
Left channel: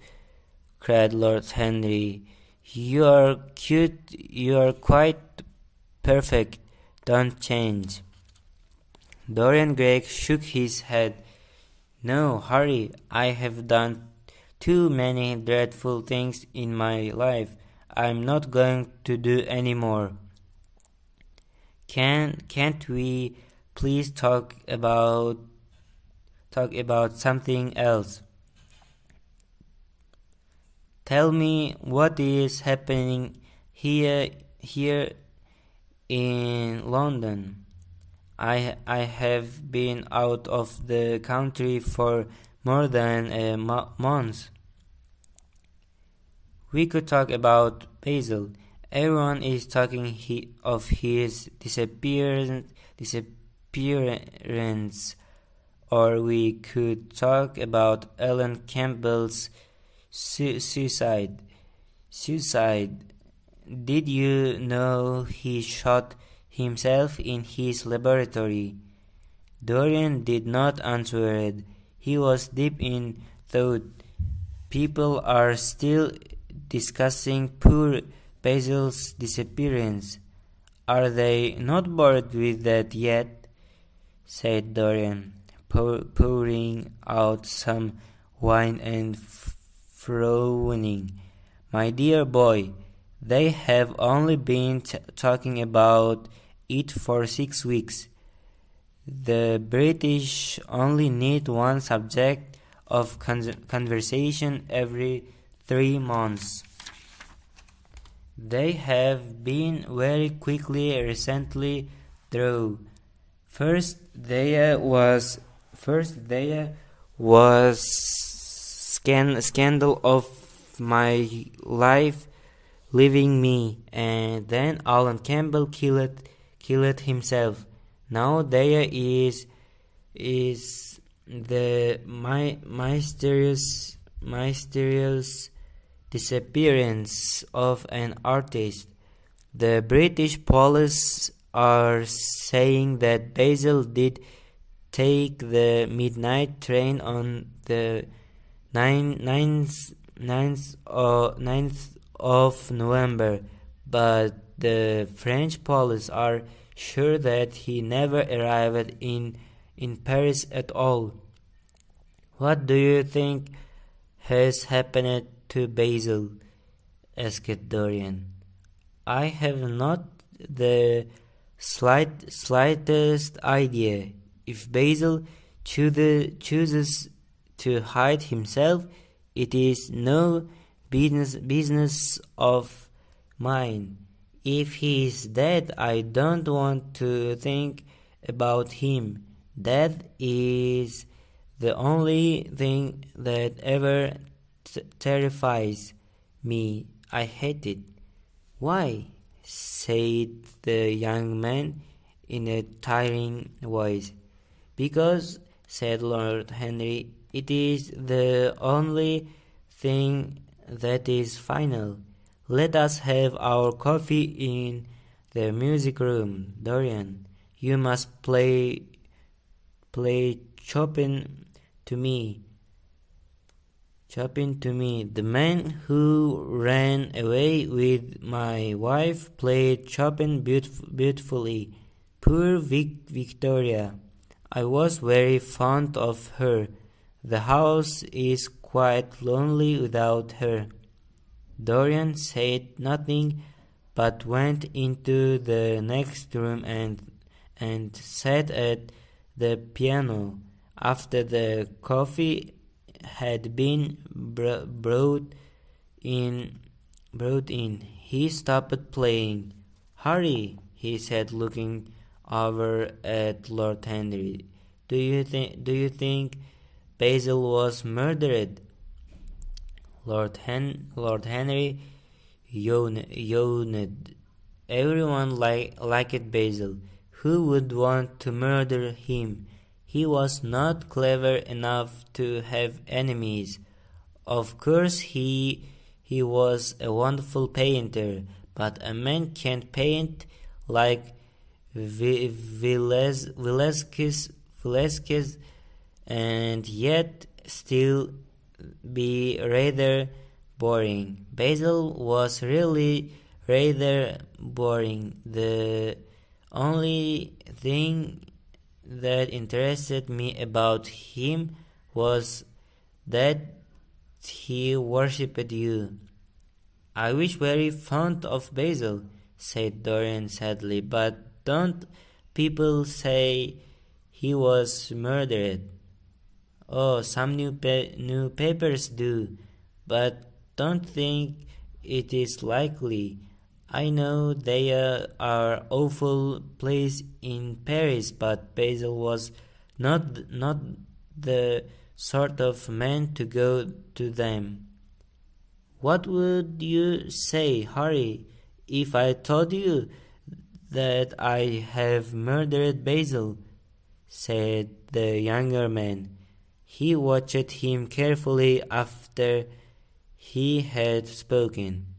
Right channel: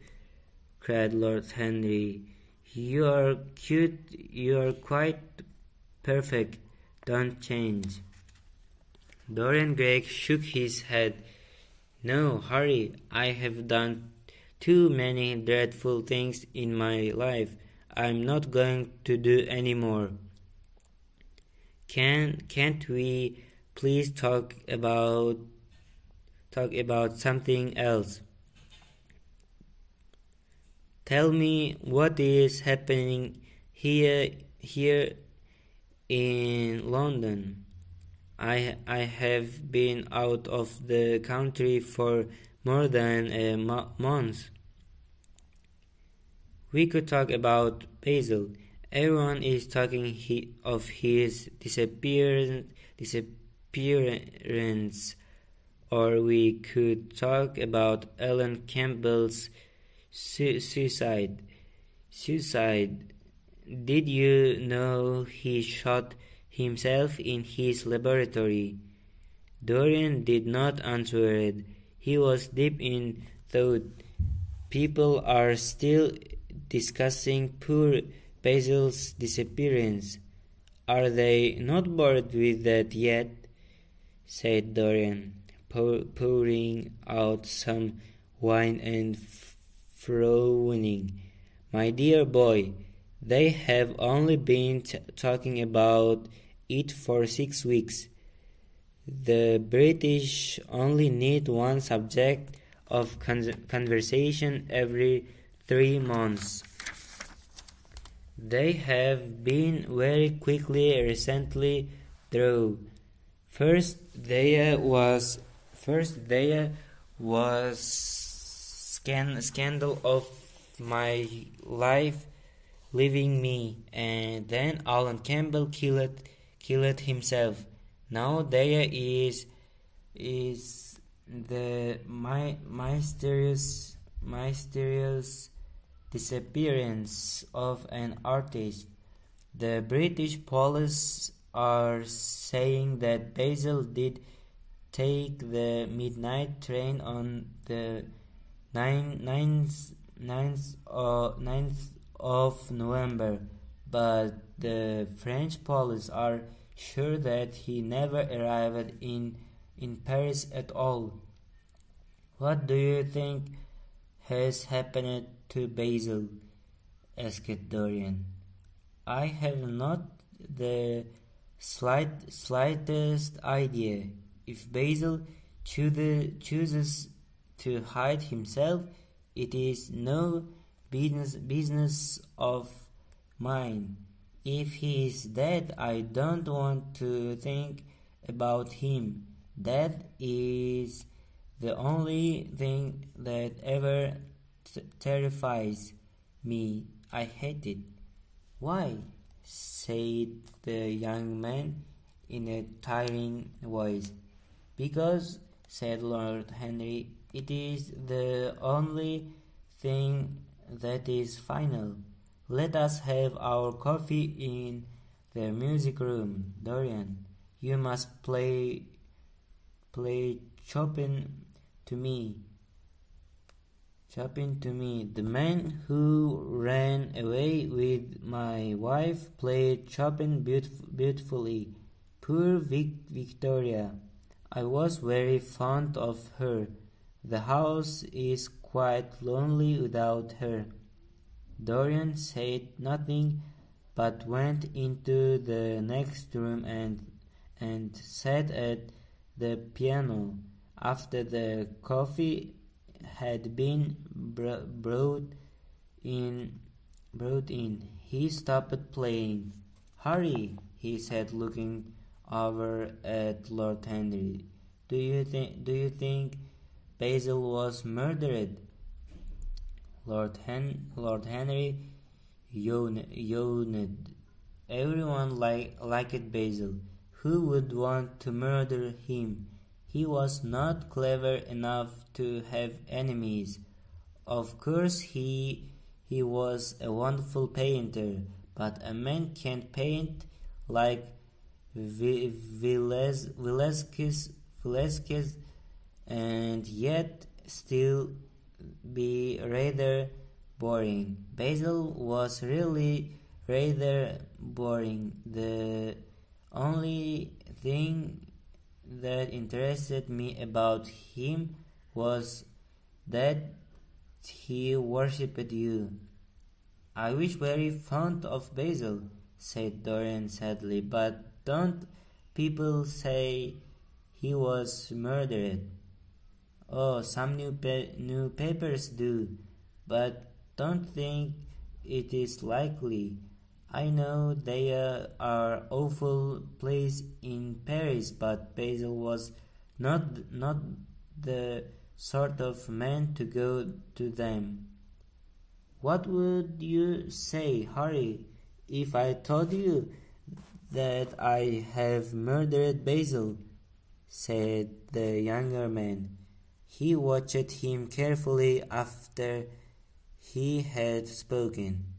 cried Lord Henry. You are cute, you are quite perfect. Don't change. Dorian Gray shook his head. No, Harry, I have done too many dreadful things in my life. I'm not going to do any more. Can't we please talk about something else? Tell me what is happening here in London. I have been out of the country for more than a month. We could talk about Basil. Everyone is talking of his disappearance. Or we could talk about Ellen Campbell's suicide. Suicide. Did you know he shot himself in his laboratory? Dorian did not answer. He was deep in thought. People are still discussing poor Basil's disappearance. Are they not bored with that yet? Said Dorian, pouring out some wine and frowning. My dear boy, they have only been talking about it for 6 weeks. The British only need one subject of conversation every 3 months. They have been very quickly recently though. First there was scandal of my life leaving me, and then Alan Campbell killed himself. Now there is the mysterious disappearance of an artist. The British police are saying that Basil did take the midnight train on the 9th of November, but the French police are sure that he never arrived in Paris at all. What do you think has happened to Basil? Asked Dorian. I have not the slightest idea. If Basil chooses to hide himself, it is no business of mine. If he is dead, I don't want to think about him. That is the only thing that ever terrifies me. I hate it. Why? Said the young man in a tiring voice. Because, said Lord Henry, it is the only thing that is final. Let us have our coffee in the music room. Dorian, you must play Chopin to me. The man who ran away with my wife played Chopin beautifully. Poor Victoria. I was very fond of her. The house is quite lonely without her. Dorian said nothing, but went into the next room and sat at the piano. After the coffee had been brought in, he stopped playing. Hurry, he said, looking over at Lord Henry. Do you think Basil was murdered? Lord Henry yawned. Everyone liked Basil. Who would want to murder him? He was not clever enough to have enemies. Of course he was a wonderful painter, but a man can't paint like Velasquez and yet still be rather boring. Basil was really rather boring. The only thing that interested me about him was that he worshipped you. I was very fond of Basil, said Dorian sadly, but don't people say he was murdered? Oh, some newspapers do, but don't think it is likely. I know there are awful places in Paris, but Basil was not the sort of man to go to them. What would you say, Harry, if I told you that I have murdered Basil? Said the younger man. He watched him carefully after he had spoken.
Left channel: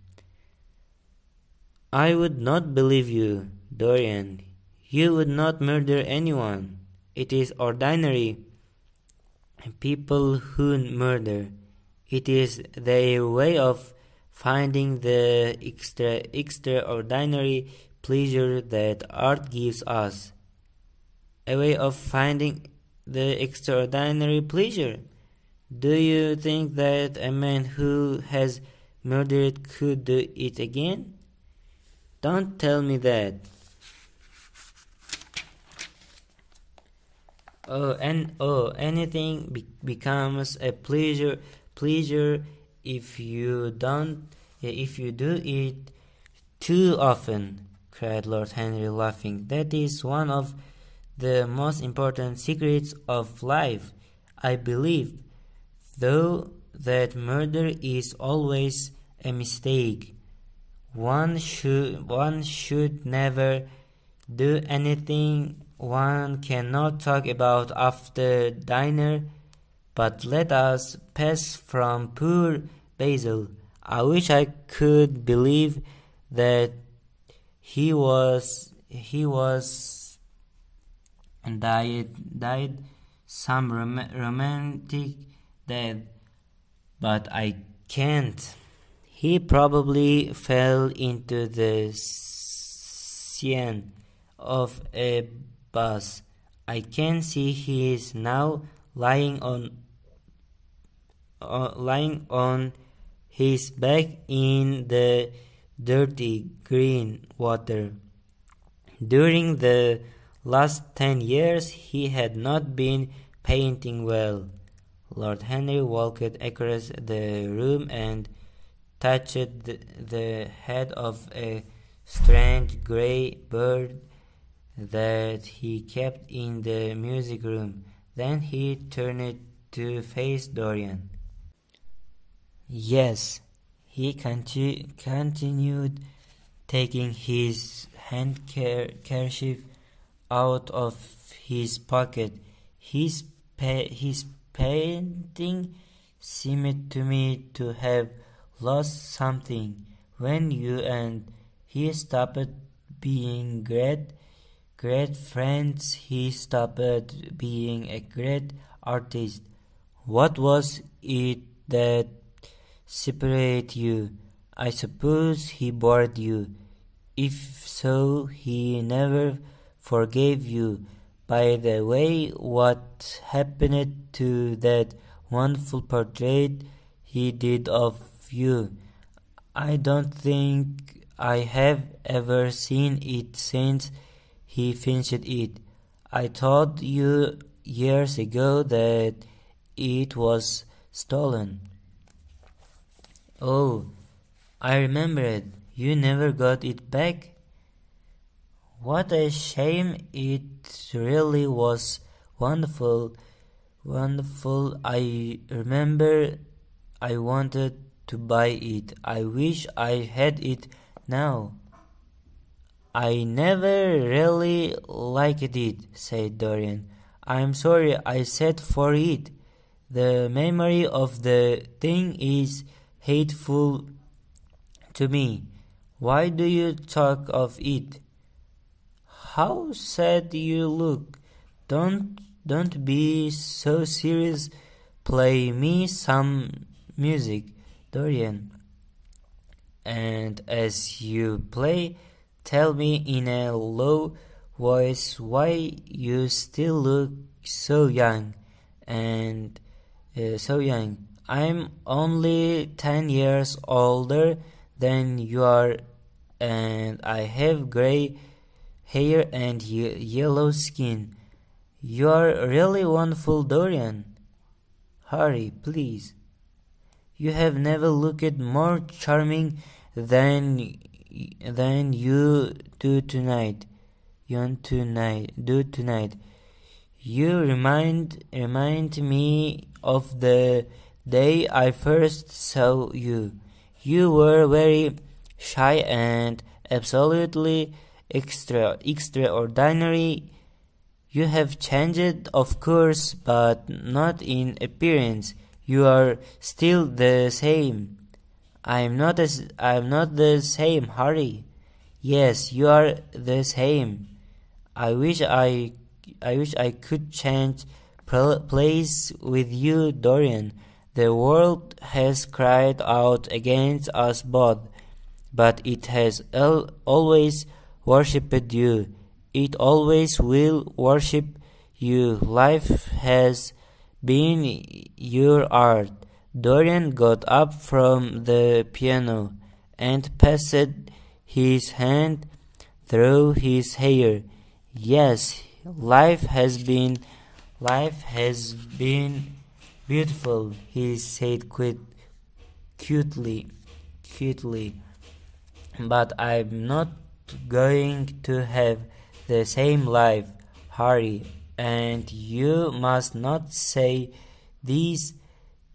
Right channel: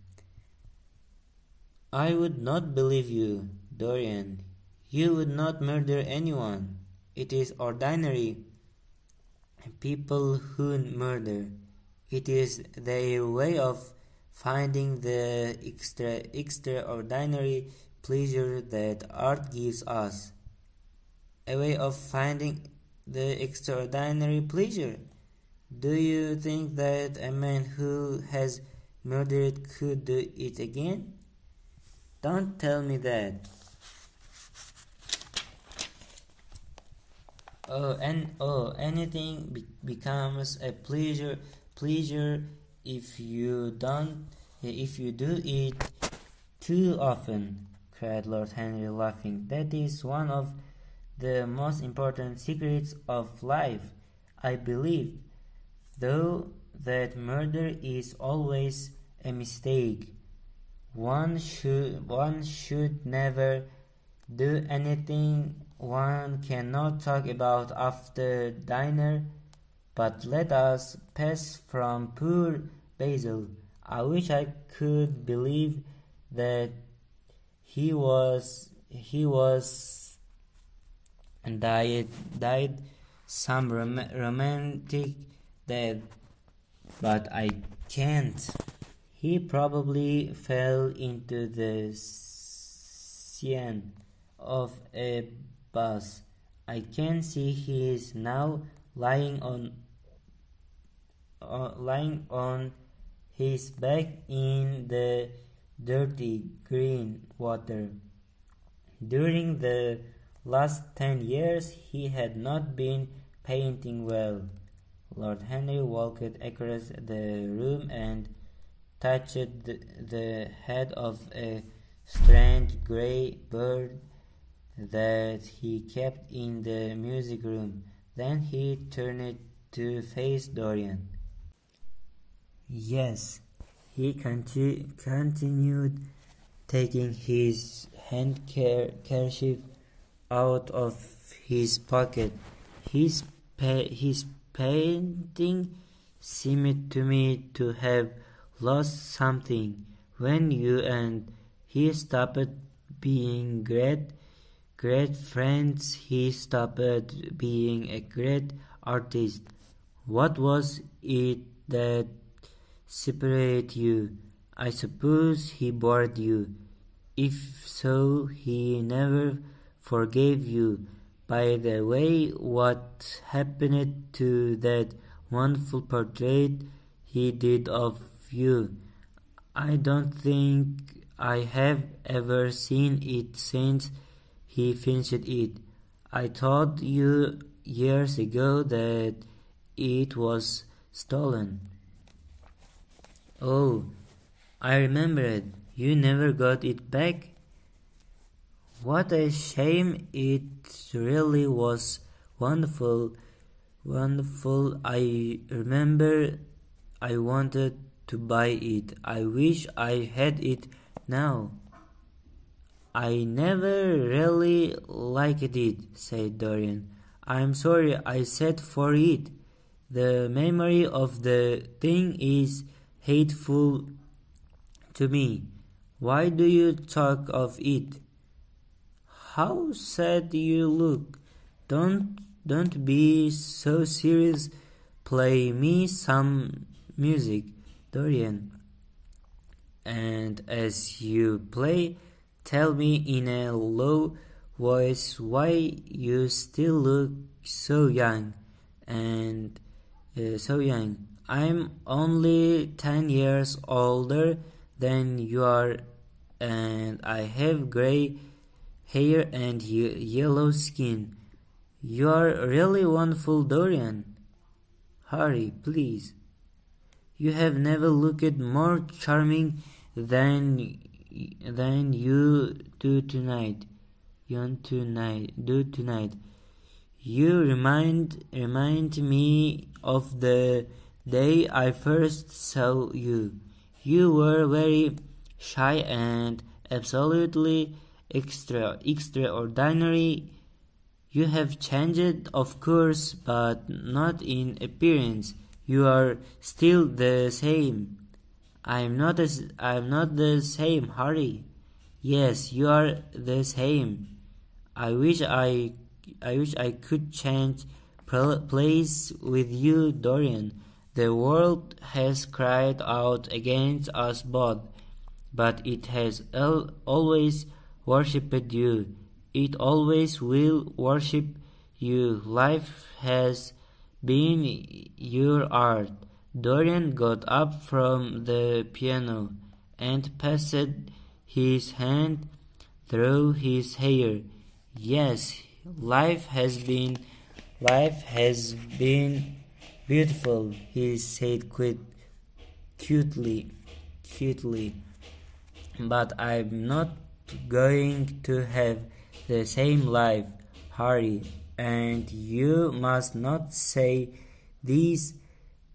I would not believe you, Dorian. You would not murder anyone. It is ordinary people who murder. It is their way of finding the extraordinary pleasure that art gives us. A way of finding the extraordinary pleasure. Do you think that a man who has murdered could do it again? Don't tell me that. Anything becomes a pleasure if you do it too often, cried Lord Henry, laughing. That is one of the most important secrets of life. I believe, though, that murder is always a mistake. One should never do anything one cannot talk about after dinner. But let us pass from poor Basil. I wish I could believe that he was died some romantic death, but I can't. He probably fell into the Seine of a bus. I can see he is now lying on his back in the dirty green water. During the last 10 years he had not been painting well. Lord Henry walked across the room and touched the head of a strange grey bird that he kept in the music room. Then he turned to face Dorian. Yes, he continued, taking his handkerchief out of his pocket. His painting seemed to me to have lost something when you and he stopped being great friends. He stopped being a great artist. What was it that separated you? I suppose he bored you. If so, he never forgave you. By the way, what happened to that wonderful portrait he did of you? I don't think I have ever seen it since he finished it. I told you years ago that it was stolen. Oh, I remember it. You never got it back? What a shame. It really was wonderful. I remember I wanted to buy it. I wish I had it now. I never really liked it, said Dorian. I'm sorry I said for it. The memory of the thing is hateful to me. Why do you talk of it? How sad you look. Don't be so serious. Play me some music, Dorian. And as you play, tell me in a low voice why you still look so young and so young. I'm only 10 years older than you are, and I have gray hair and yellow skin. You are really wonderful, Dorian. Hurry, please. You have never looked more charming than you do tonight. You remind me of the day I first saw you. You were very shy and absolutely extraordinary. You have changed, of course, but not in appearance. You are still the same. I'm not the same, Harry. Yes, you are the same. I wish I could change place with you, Dorian. The world has cried out against us both, but it has always worshipped you. It always will worship you. Life has been your art. Dorian got up from the piano and passed his hand through his hair. Yes, life has been beautiful, he said cutely. But I'm not going to have the same life, Harry, and you must not say these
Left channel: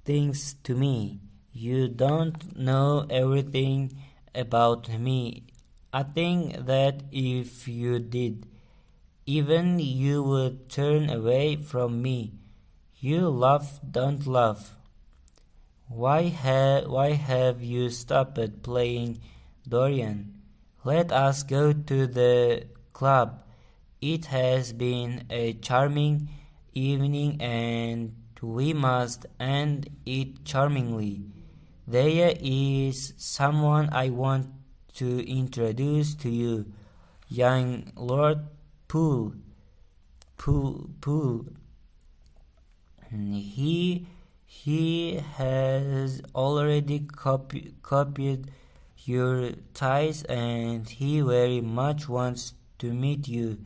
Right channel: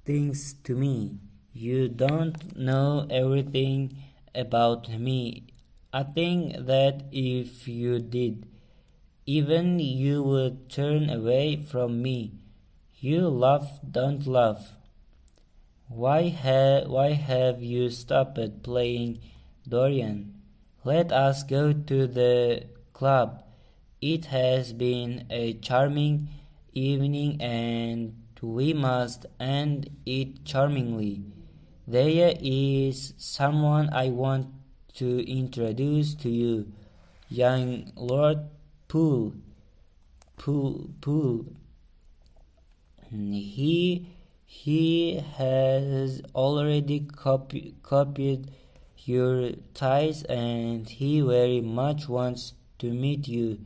things to me. You don't know everything about me. I think that if you did, even you would turn away from me. You don't laugh. Why have you stopped playing, Dorian? Let us go to the club. It has been a charming evening and we must end it charmingly. There is someone I want to introduce to you, young Lord Poole. Poole. He has already copied your ties and he very much wants to meet you.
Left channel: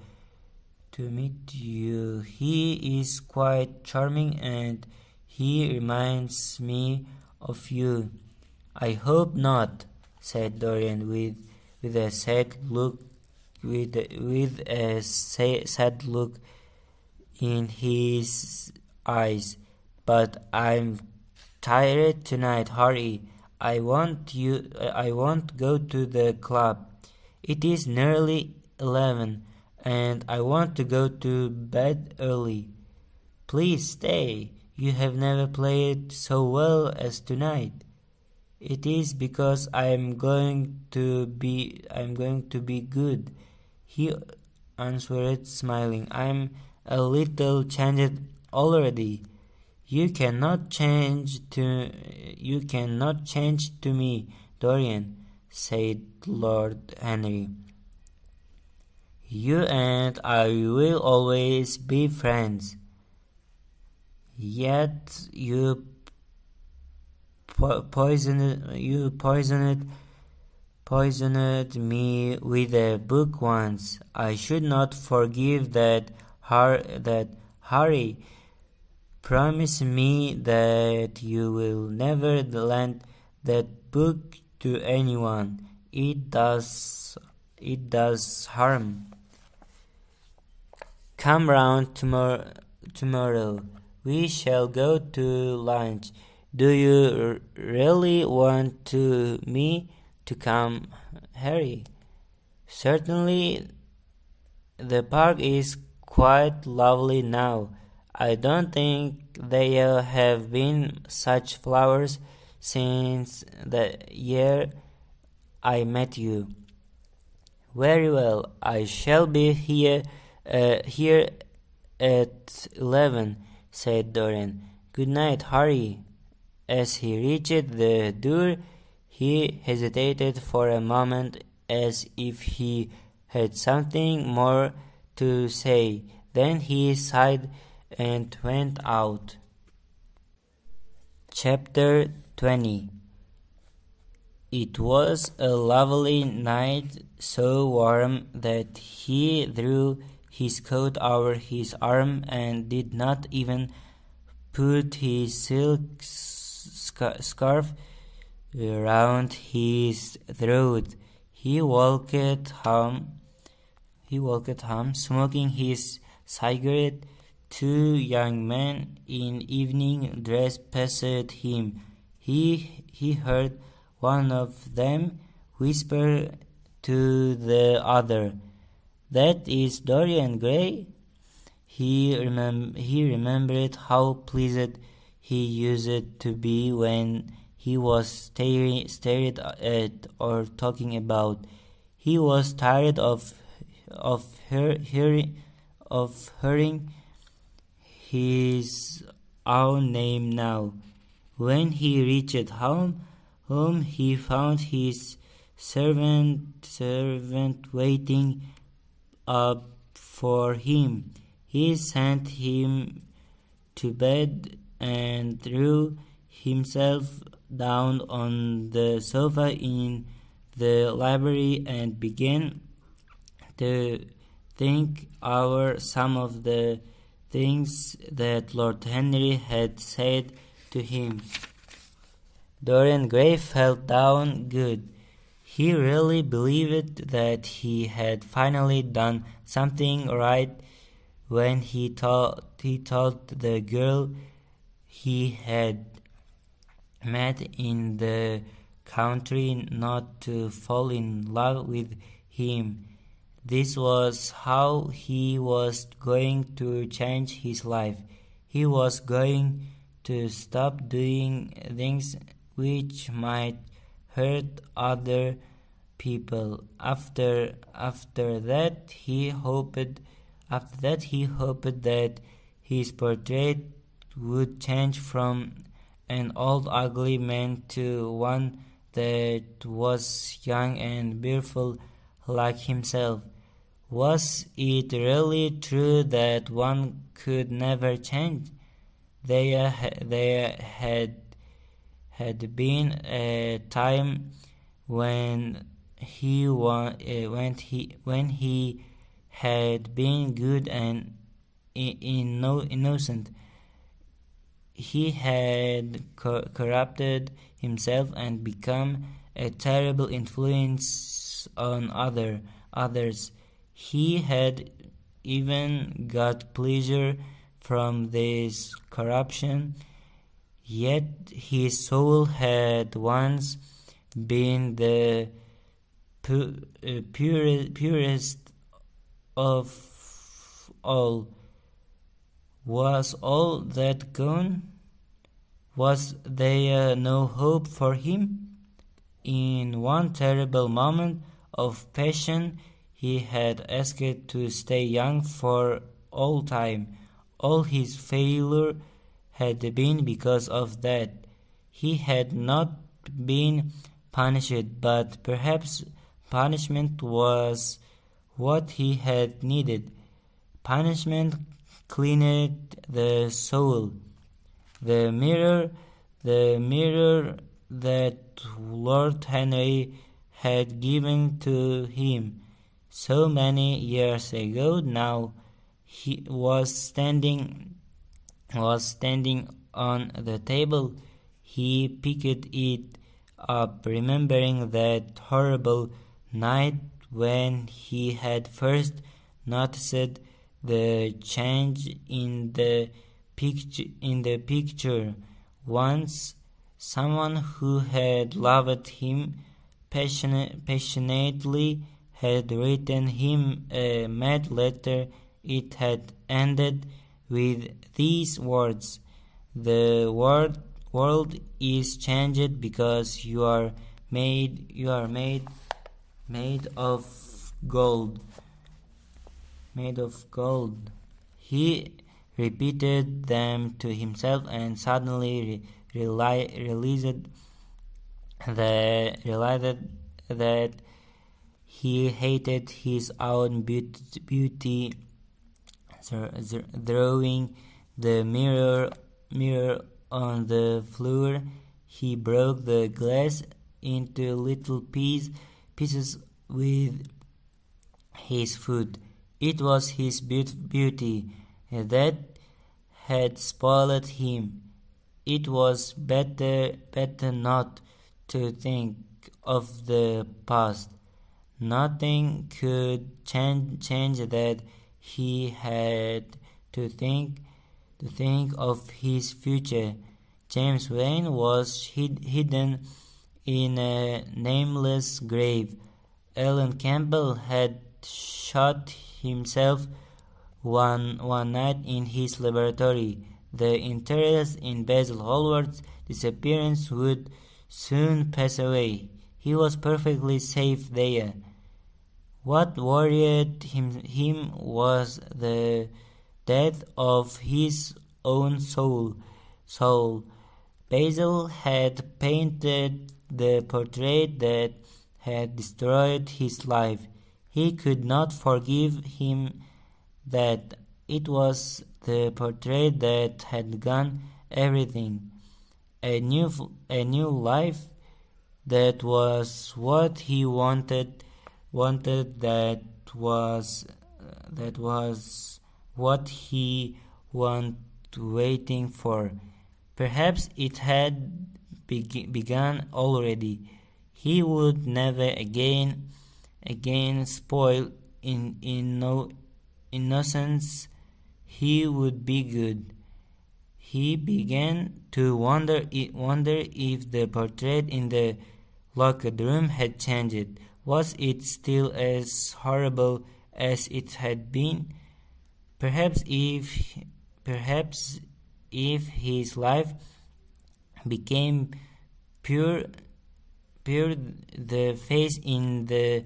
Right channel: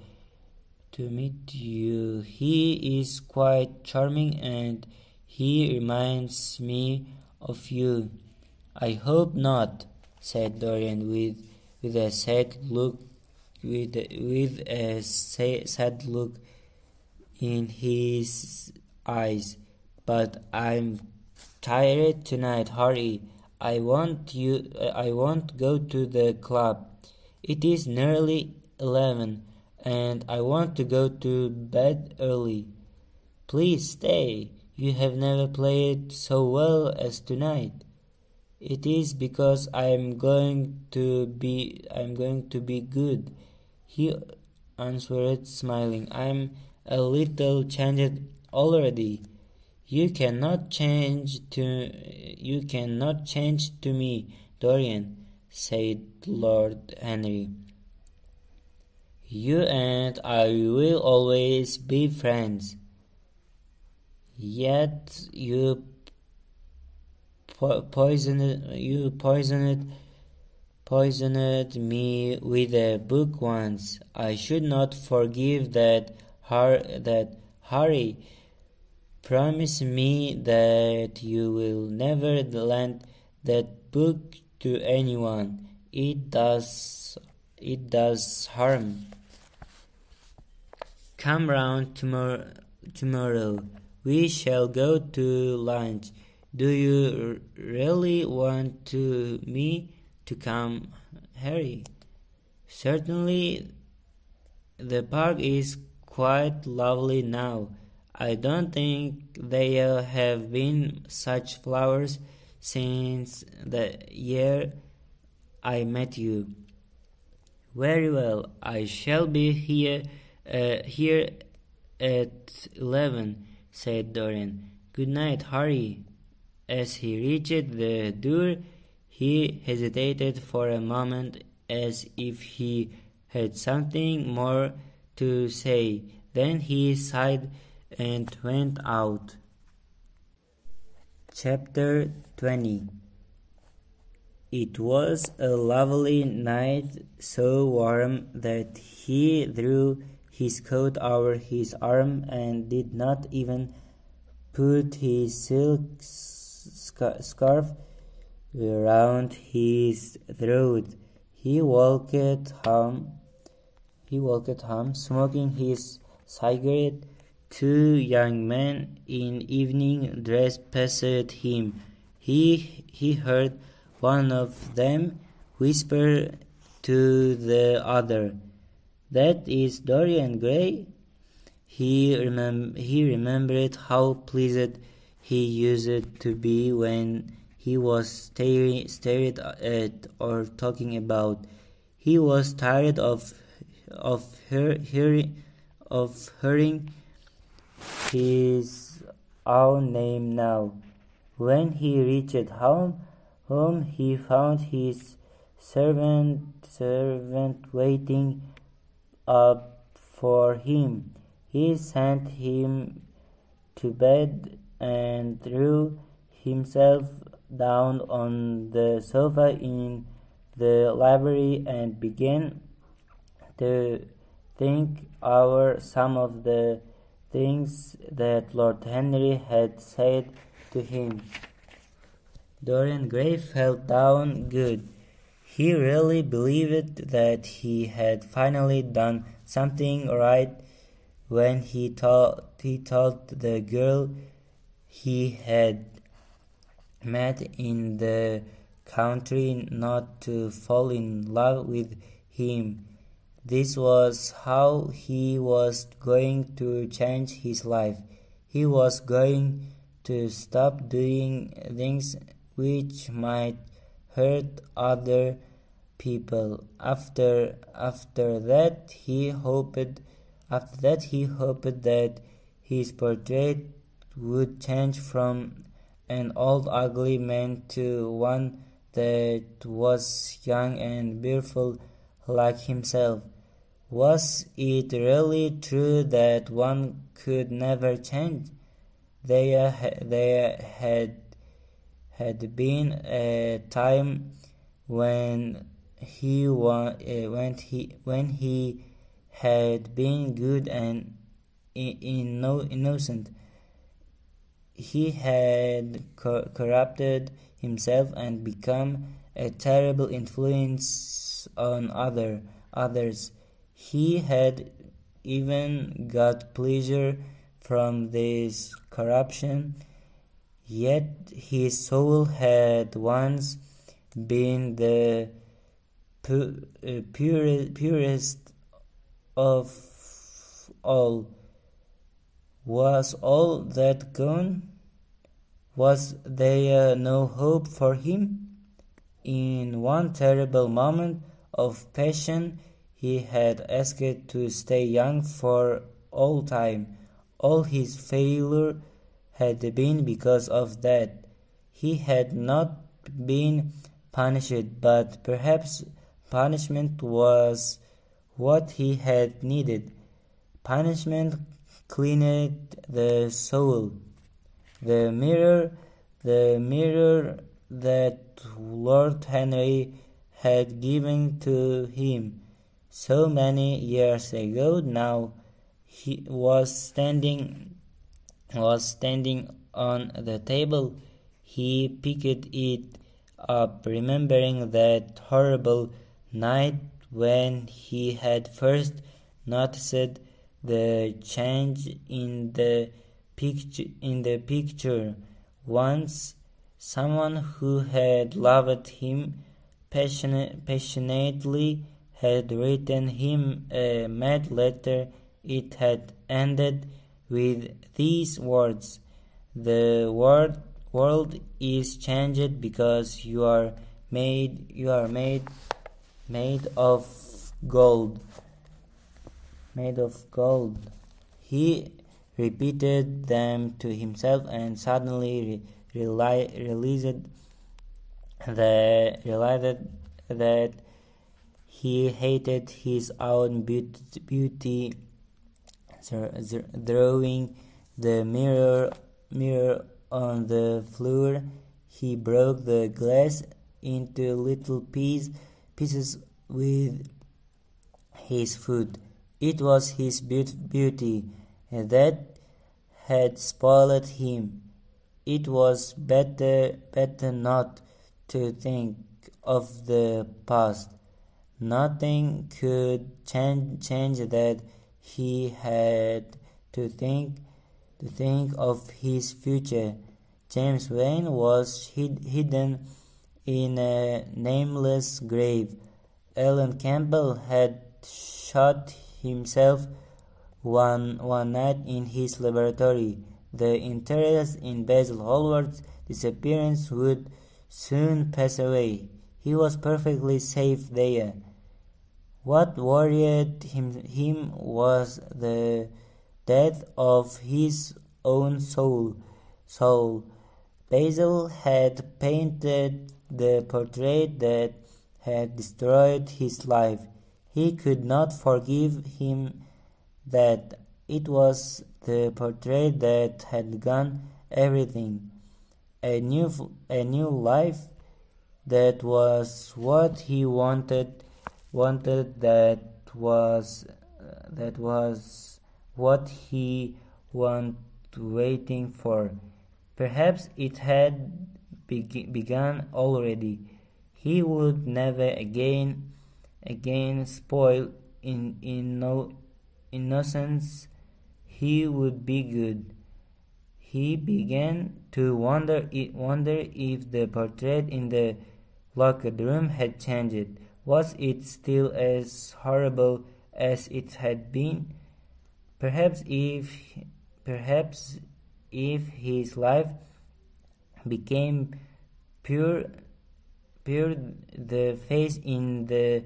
He is quite charming and he reminds me of you. I hope not, said Dorian with a sad look sad look in his eyes. But I'm tired tonight, Harry. I won't go to the club. It is nearly 11 and I want to go to bed early. Please stay. You have never played so well as tonight. It is because I'm going to be good, he answered, smiling. I'm a little changed already. You cannot change to me, Dorian, said Lord Henry. You and I will always be friends. Yet you poisoned me with a book once. I should not forgive that. Harry, promise me that you will never lend that book to anyone. It does harm. Come round tomorrow. We shall go to lunch. Do you really want me to come, Harry? Certainly. The park is quite lovely now. I don't think there have been such flowers since the year I met you. Very well, I shall be here at 11, said Dorian. Good night, Harry. As he reached the door, he hesitated for a moment as if he had something more to say. Then he sighed and went out. Chapter 20. It was a lovely night, so warm that he drew his coat over his arm and did not even put his silk scarf around his throat. He walked home, smoking his cigarette. Two young men in evening dress passed him. He heard one of them whisper to the other, "That is Dorian Grey." He remembered how pleased he used to be when he was stared at or talking about. He was tired of hearing his own name now. When he reached home he found his servant waiting up for him. He sent him to bed and threw himself down on the sofa in the library and began to think over some of the things that Lord Henry had said to him. Dorian Grey felt down good. He really believed that he had finally done something right when he told the girl he had met in the country not to fall in love with him. This was how he was going to change his life. He was going to stop doing things which might hurt other people. After that he hoped that his portrait would change from an old ugly man to one that was young and beautiful like himself. Was it really true that one could never change? There had been a time when he had been good and innocent. He had corrupted himself and become a terrible influence on others. He had even got pleasure from this corruption, yet his soul had once been the purest of all. Was all that gone? Was there no hope for him? In one terrible moment of passion, he had asked to stay young for all time. All his failure had been because of that. He had not been punished, but perhaps punishment was what he had needed. Punishment cleaned the soul. The mirror that Lord Henry had given to him so many years ago now he was standing on the table. He picked it up, remembering that horrible night when he had first noticed the change in the picture. Once someone who had loved him passionately had written him a mad letter. It had ended with these words: "The world is changed because you are made of gold." Made of gold. He repeated them to himself and suddenly realized that he hated his own beauty. Throwing the mirror on the floor, he broke the glass into little pieces with his foot. It was his beauty that had spoiled him. It was better not to think of the past. Nothing could change that. He had to think of his future. James Wayne was hidden in a nameless grave. Alan Campbell had shot himself one night in his laboratory. The interest in Basil Hallward's disappearance would soon pass away. He was perfectly safe there. What worried him was the death of his own soul. Basil had painted the portrait that had destroyed his life. He could not forgive him that it was the portrait that had gone everything. A new life, that was what he wanted. That was what he was waiting for. Perhaps it had begun already. He would never again spoil in no innocence. He would be good. He began to wonder if the portrait in the locked room had changed. Was it still as horrible as it had been? Perhaps if his life became pure, the face in the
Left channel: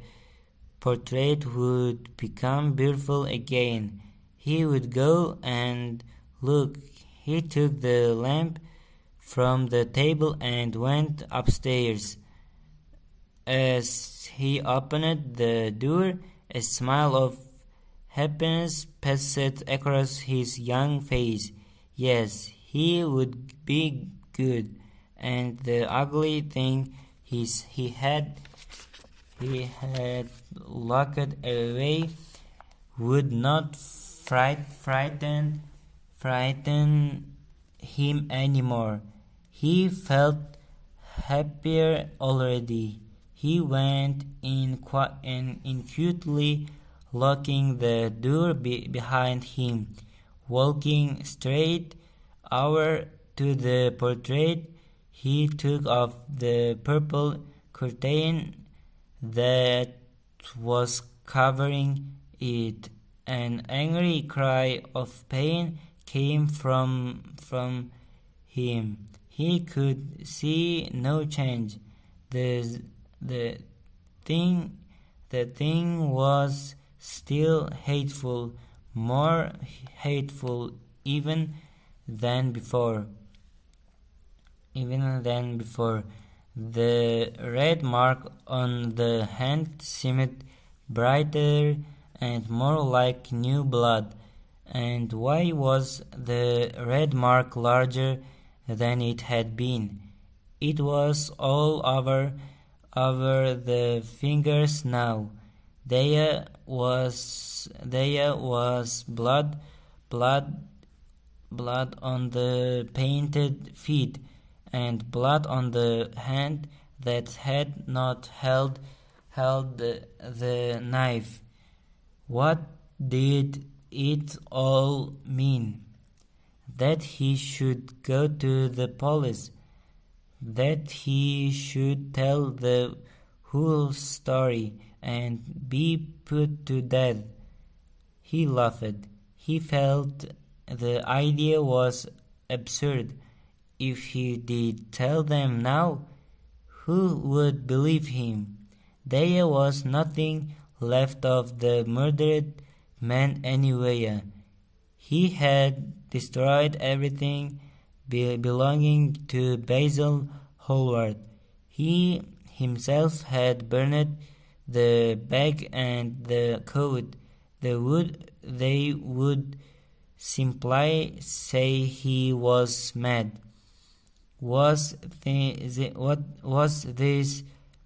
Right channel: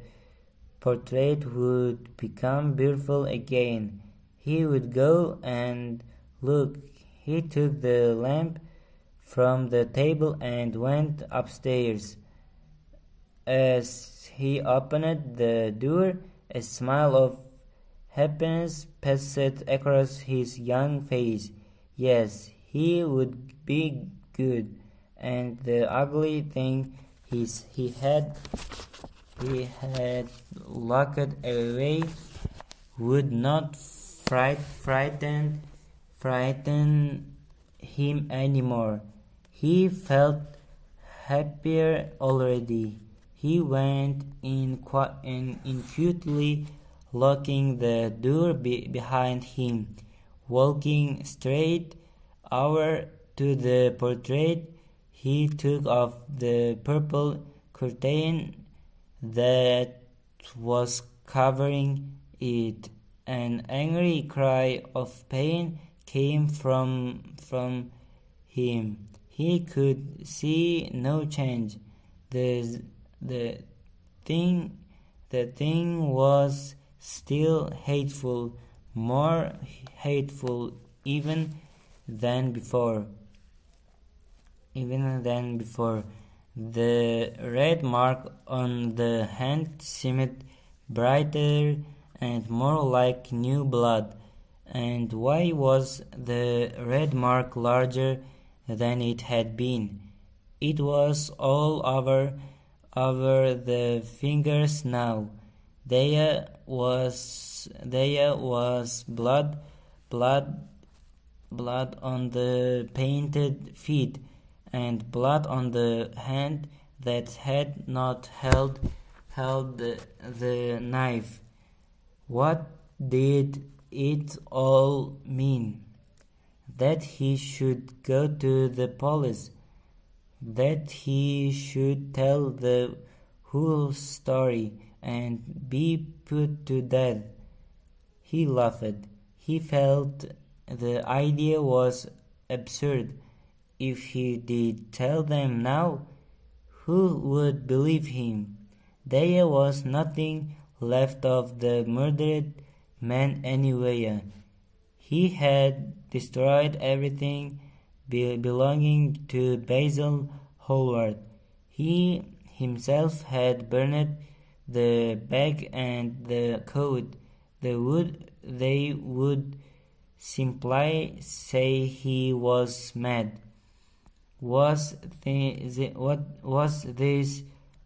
portrait would become beautiful again. He would go and look. He took the lamp from the table and went upstairs. As he opened the door, a smile of happiness passed across his young face. Yes, he would be good, and the ugly thing he had locked away would not frighten him anymore. He felt happier already. He went in quietly, locking the door behind him. Walking straight over to the portrait, he took off the purple curtain that was covering it. An angry cry of pain came from him. He could see no change. The thing was still hateful, more hateful even than before. The red mark on the hand seemed brighter and more like new blood. And why was the red mark larger than it had been? It was all over the fingers now. There was blood on the painted feet, and blood on the hand that had not held the knife. What did it all mean? That he should go to the police, that he should tell the whole story and be put to death. He laughed. He felt the idea was absurd. If he did tell them now, who would believe him? There was nothing left of the murdered man anywhere. He had destroyed everything belonging to Basil Hallward. He himself had burned the bag and the coat. They would simply say he was mad. Was this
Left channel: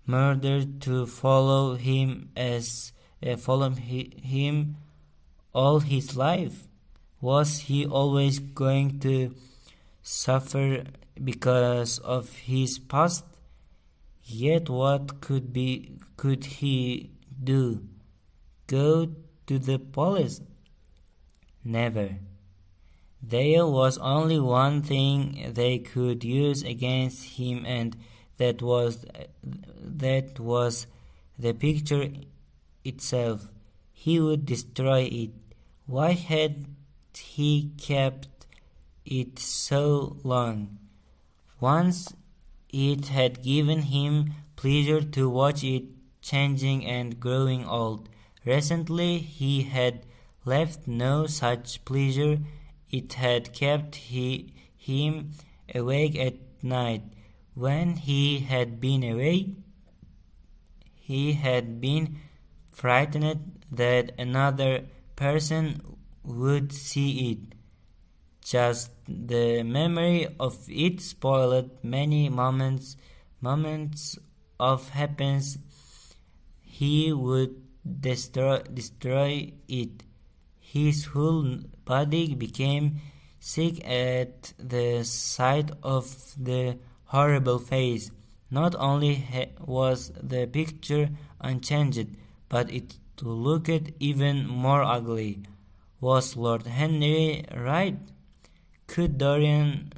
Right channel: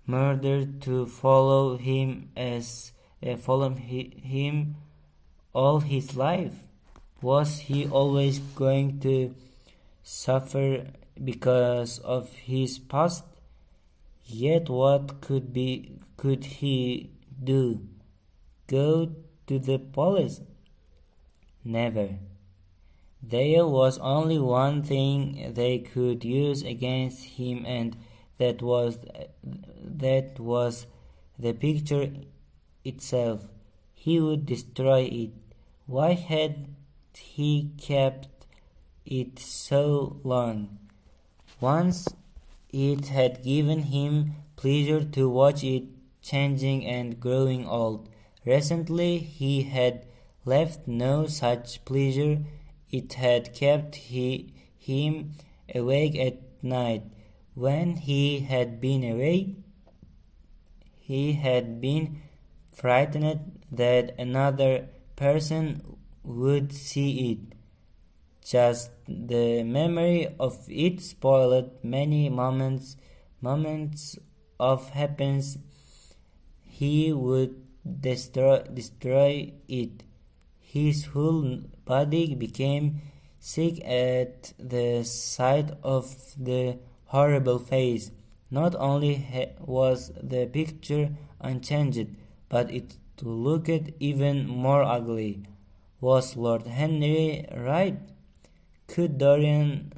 murder to follow him all his life? Was he always going to suffer because of his past? Yet what could he do? Go to the police? Never. There was only one thing they could use against him, and that was the picture itself. He would destroy it. Why had he kept it so long? Once it had given him pleasure to watch it changing and growing old. Recently he had left no such pleasure. It had kept him awake at night. When he had been away, he had been frightened that another person would see it. Just the memory of it spoiled many moments of happiness. He would destroy it. His whole body became sick at the sight of the horrible face. Not only was the picture unchanged, but it looked even more ugly. Was Lord Henry right? Could Dorian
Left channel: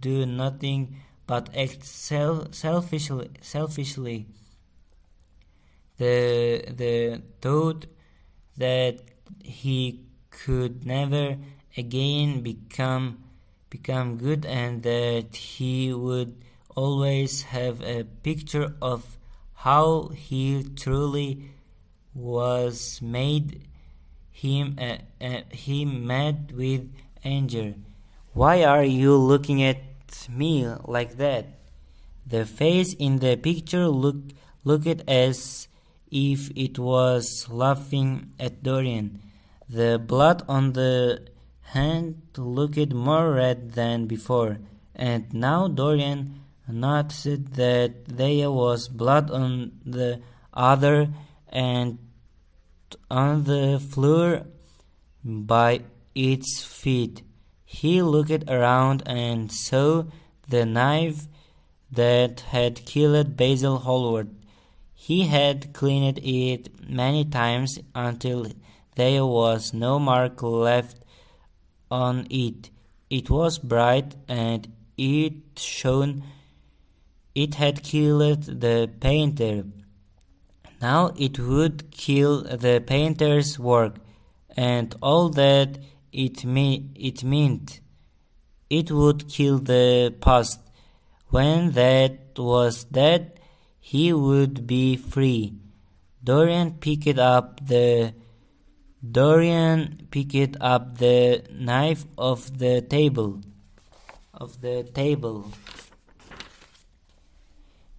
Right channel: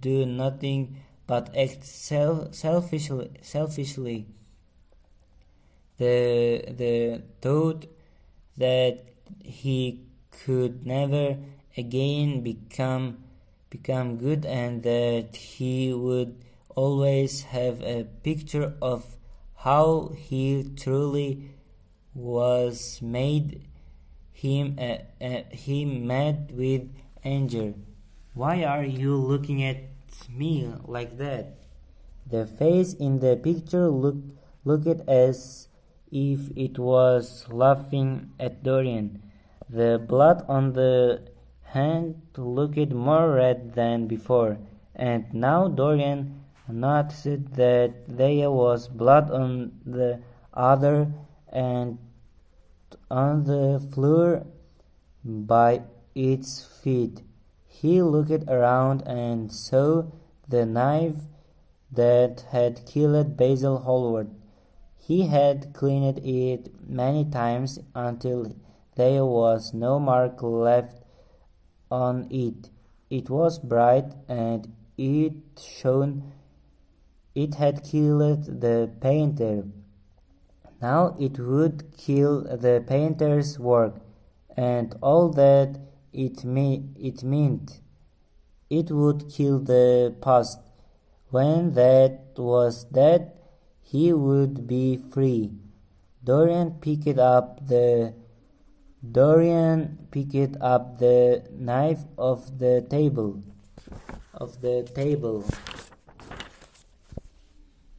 do nothing but act selfishly? The thought that he could never again become good, and that he would always have a picture of how he truly was, made him mad with anger. Why are you looking at me like that? The face in the picture looked as if it was laughing at Dorian. The blood on the hand looked more red than before, and now Dorian noticed that there was blood on the other and on the floor by its feet. He looked around and saw the knife that had killed Basil Hallward. He had cleaned it many times until there was no mark left on it. It was bright, and it shone. It had killed the painter. Now it would kill the painter's work, and all that it meant. It would kill the past. When that was dead, he would be free. Dorian picked up the knife off the table.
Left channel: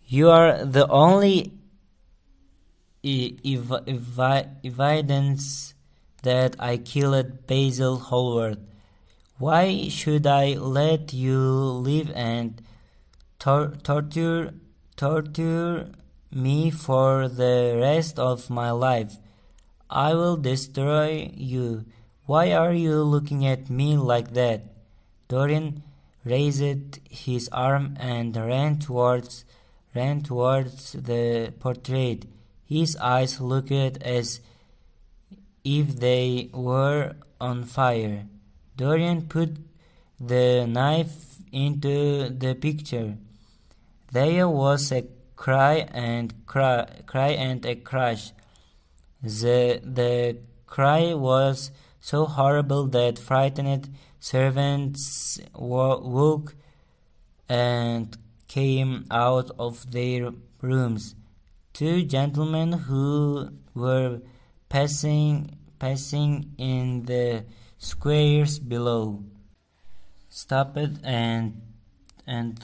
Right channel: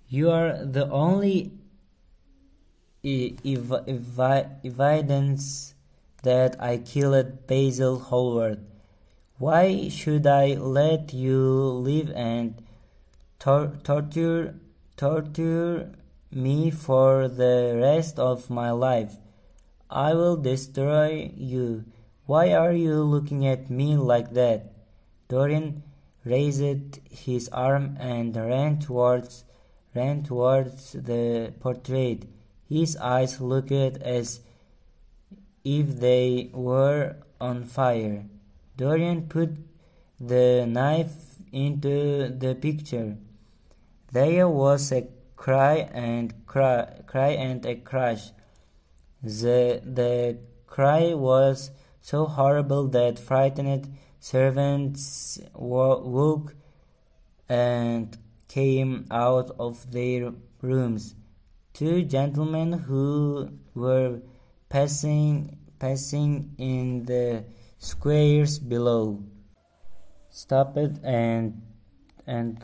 You are the only evidence that I killed Basil Hallward. Why should I let you live and torture me for the rest of my life? I will destroy you. Why are you looking at me like that? Dorian raised his arm and ran towards the portrait. His eyes looked as if they were on fire. Dorian put the knife into the picture. There was a cry and a crash. The cry was so horrible that frightened servants woke and came out of their rooms. Two gentlemen who were passing in the squares below stopped and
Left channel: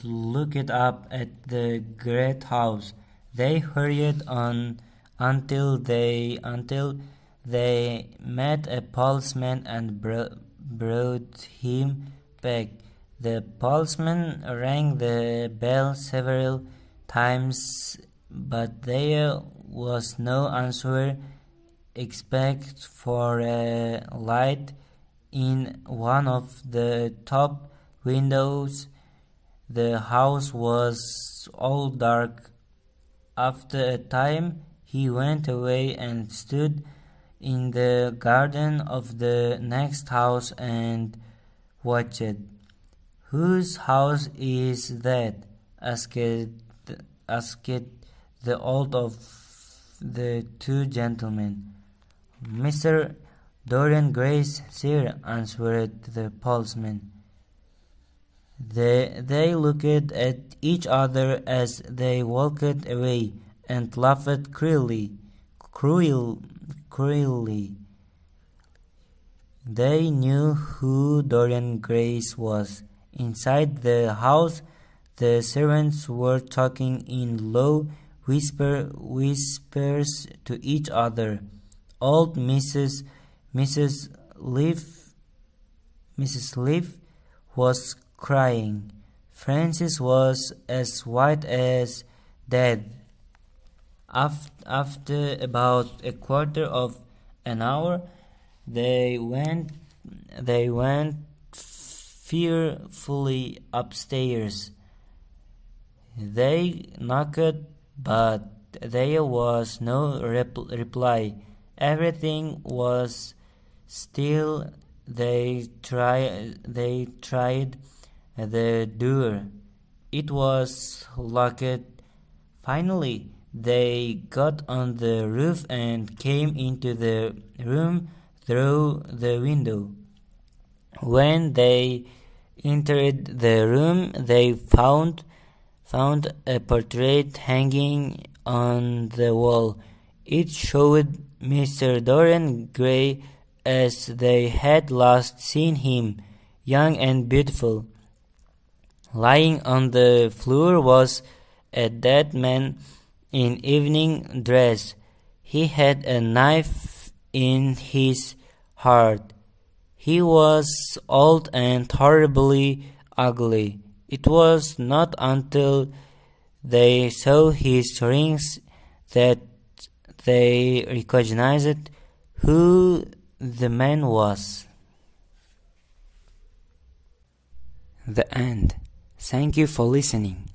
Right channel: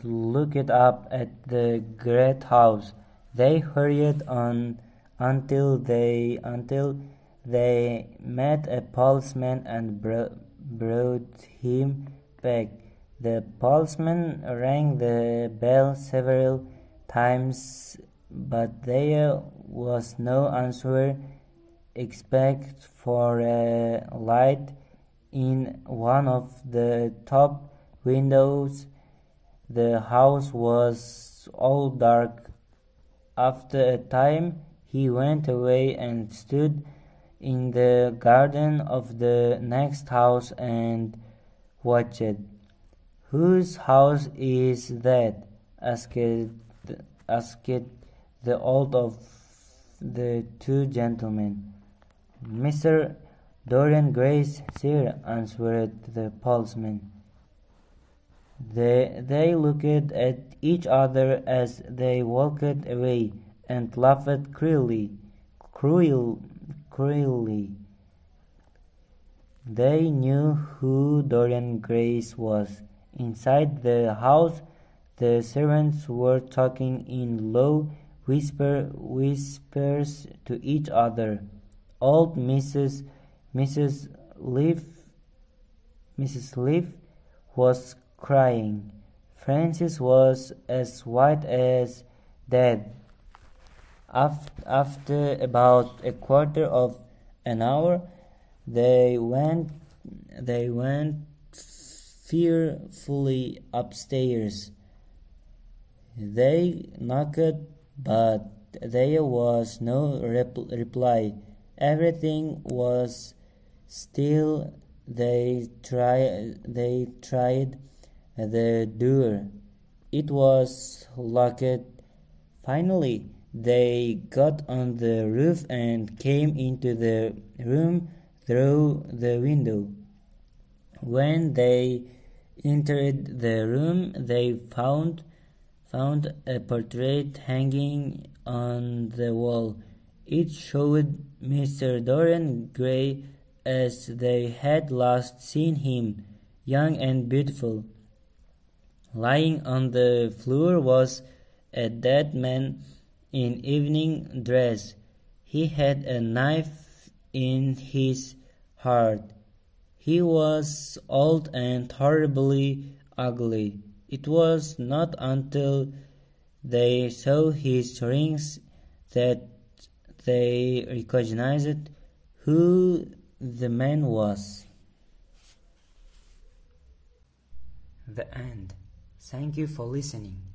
looked up at the great house. They hurried on until they met a policeman and brought him back. The policeman rang the bell several times, but there was no answer except for a light in one of the top windows. The house was all dark. After a time, he went away and stood in the garden of the next house and watched. "Whose house is that?" asked the old of the two gentlemen. "Mr. Dorian Gray's, sir," answered the policeman. They looked at each other as they walked away and laughed cruelly. cruelly. They knew who Dorian Grey was. Inside the house, the servants were talking in low whispers to each other. Old Mrs. Leaf was crying. Francis was as white as death. After about a quarter of an hour, they went fearfully upstairs. They knocked, but there was no reply. Everything was still. They tried the door. It was locked. Finally, they got on the roof and came into the room through the window. When they entered the room, they found a portrait hanging on the wall. It showed Mr. Dorian Grey as they had last seen him, young and beautiful. Lying on the floor was a dead man in evening dress. He had a knife in his heart. He was old and horribly ugly. It was not until they saw his rings that they recognized who the man was. The end. Thank you for listening.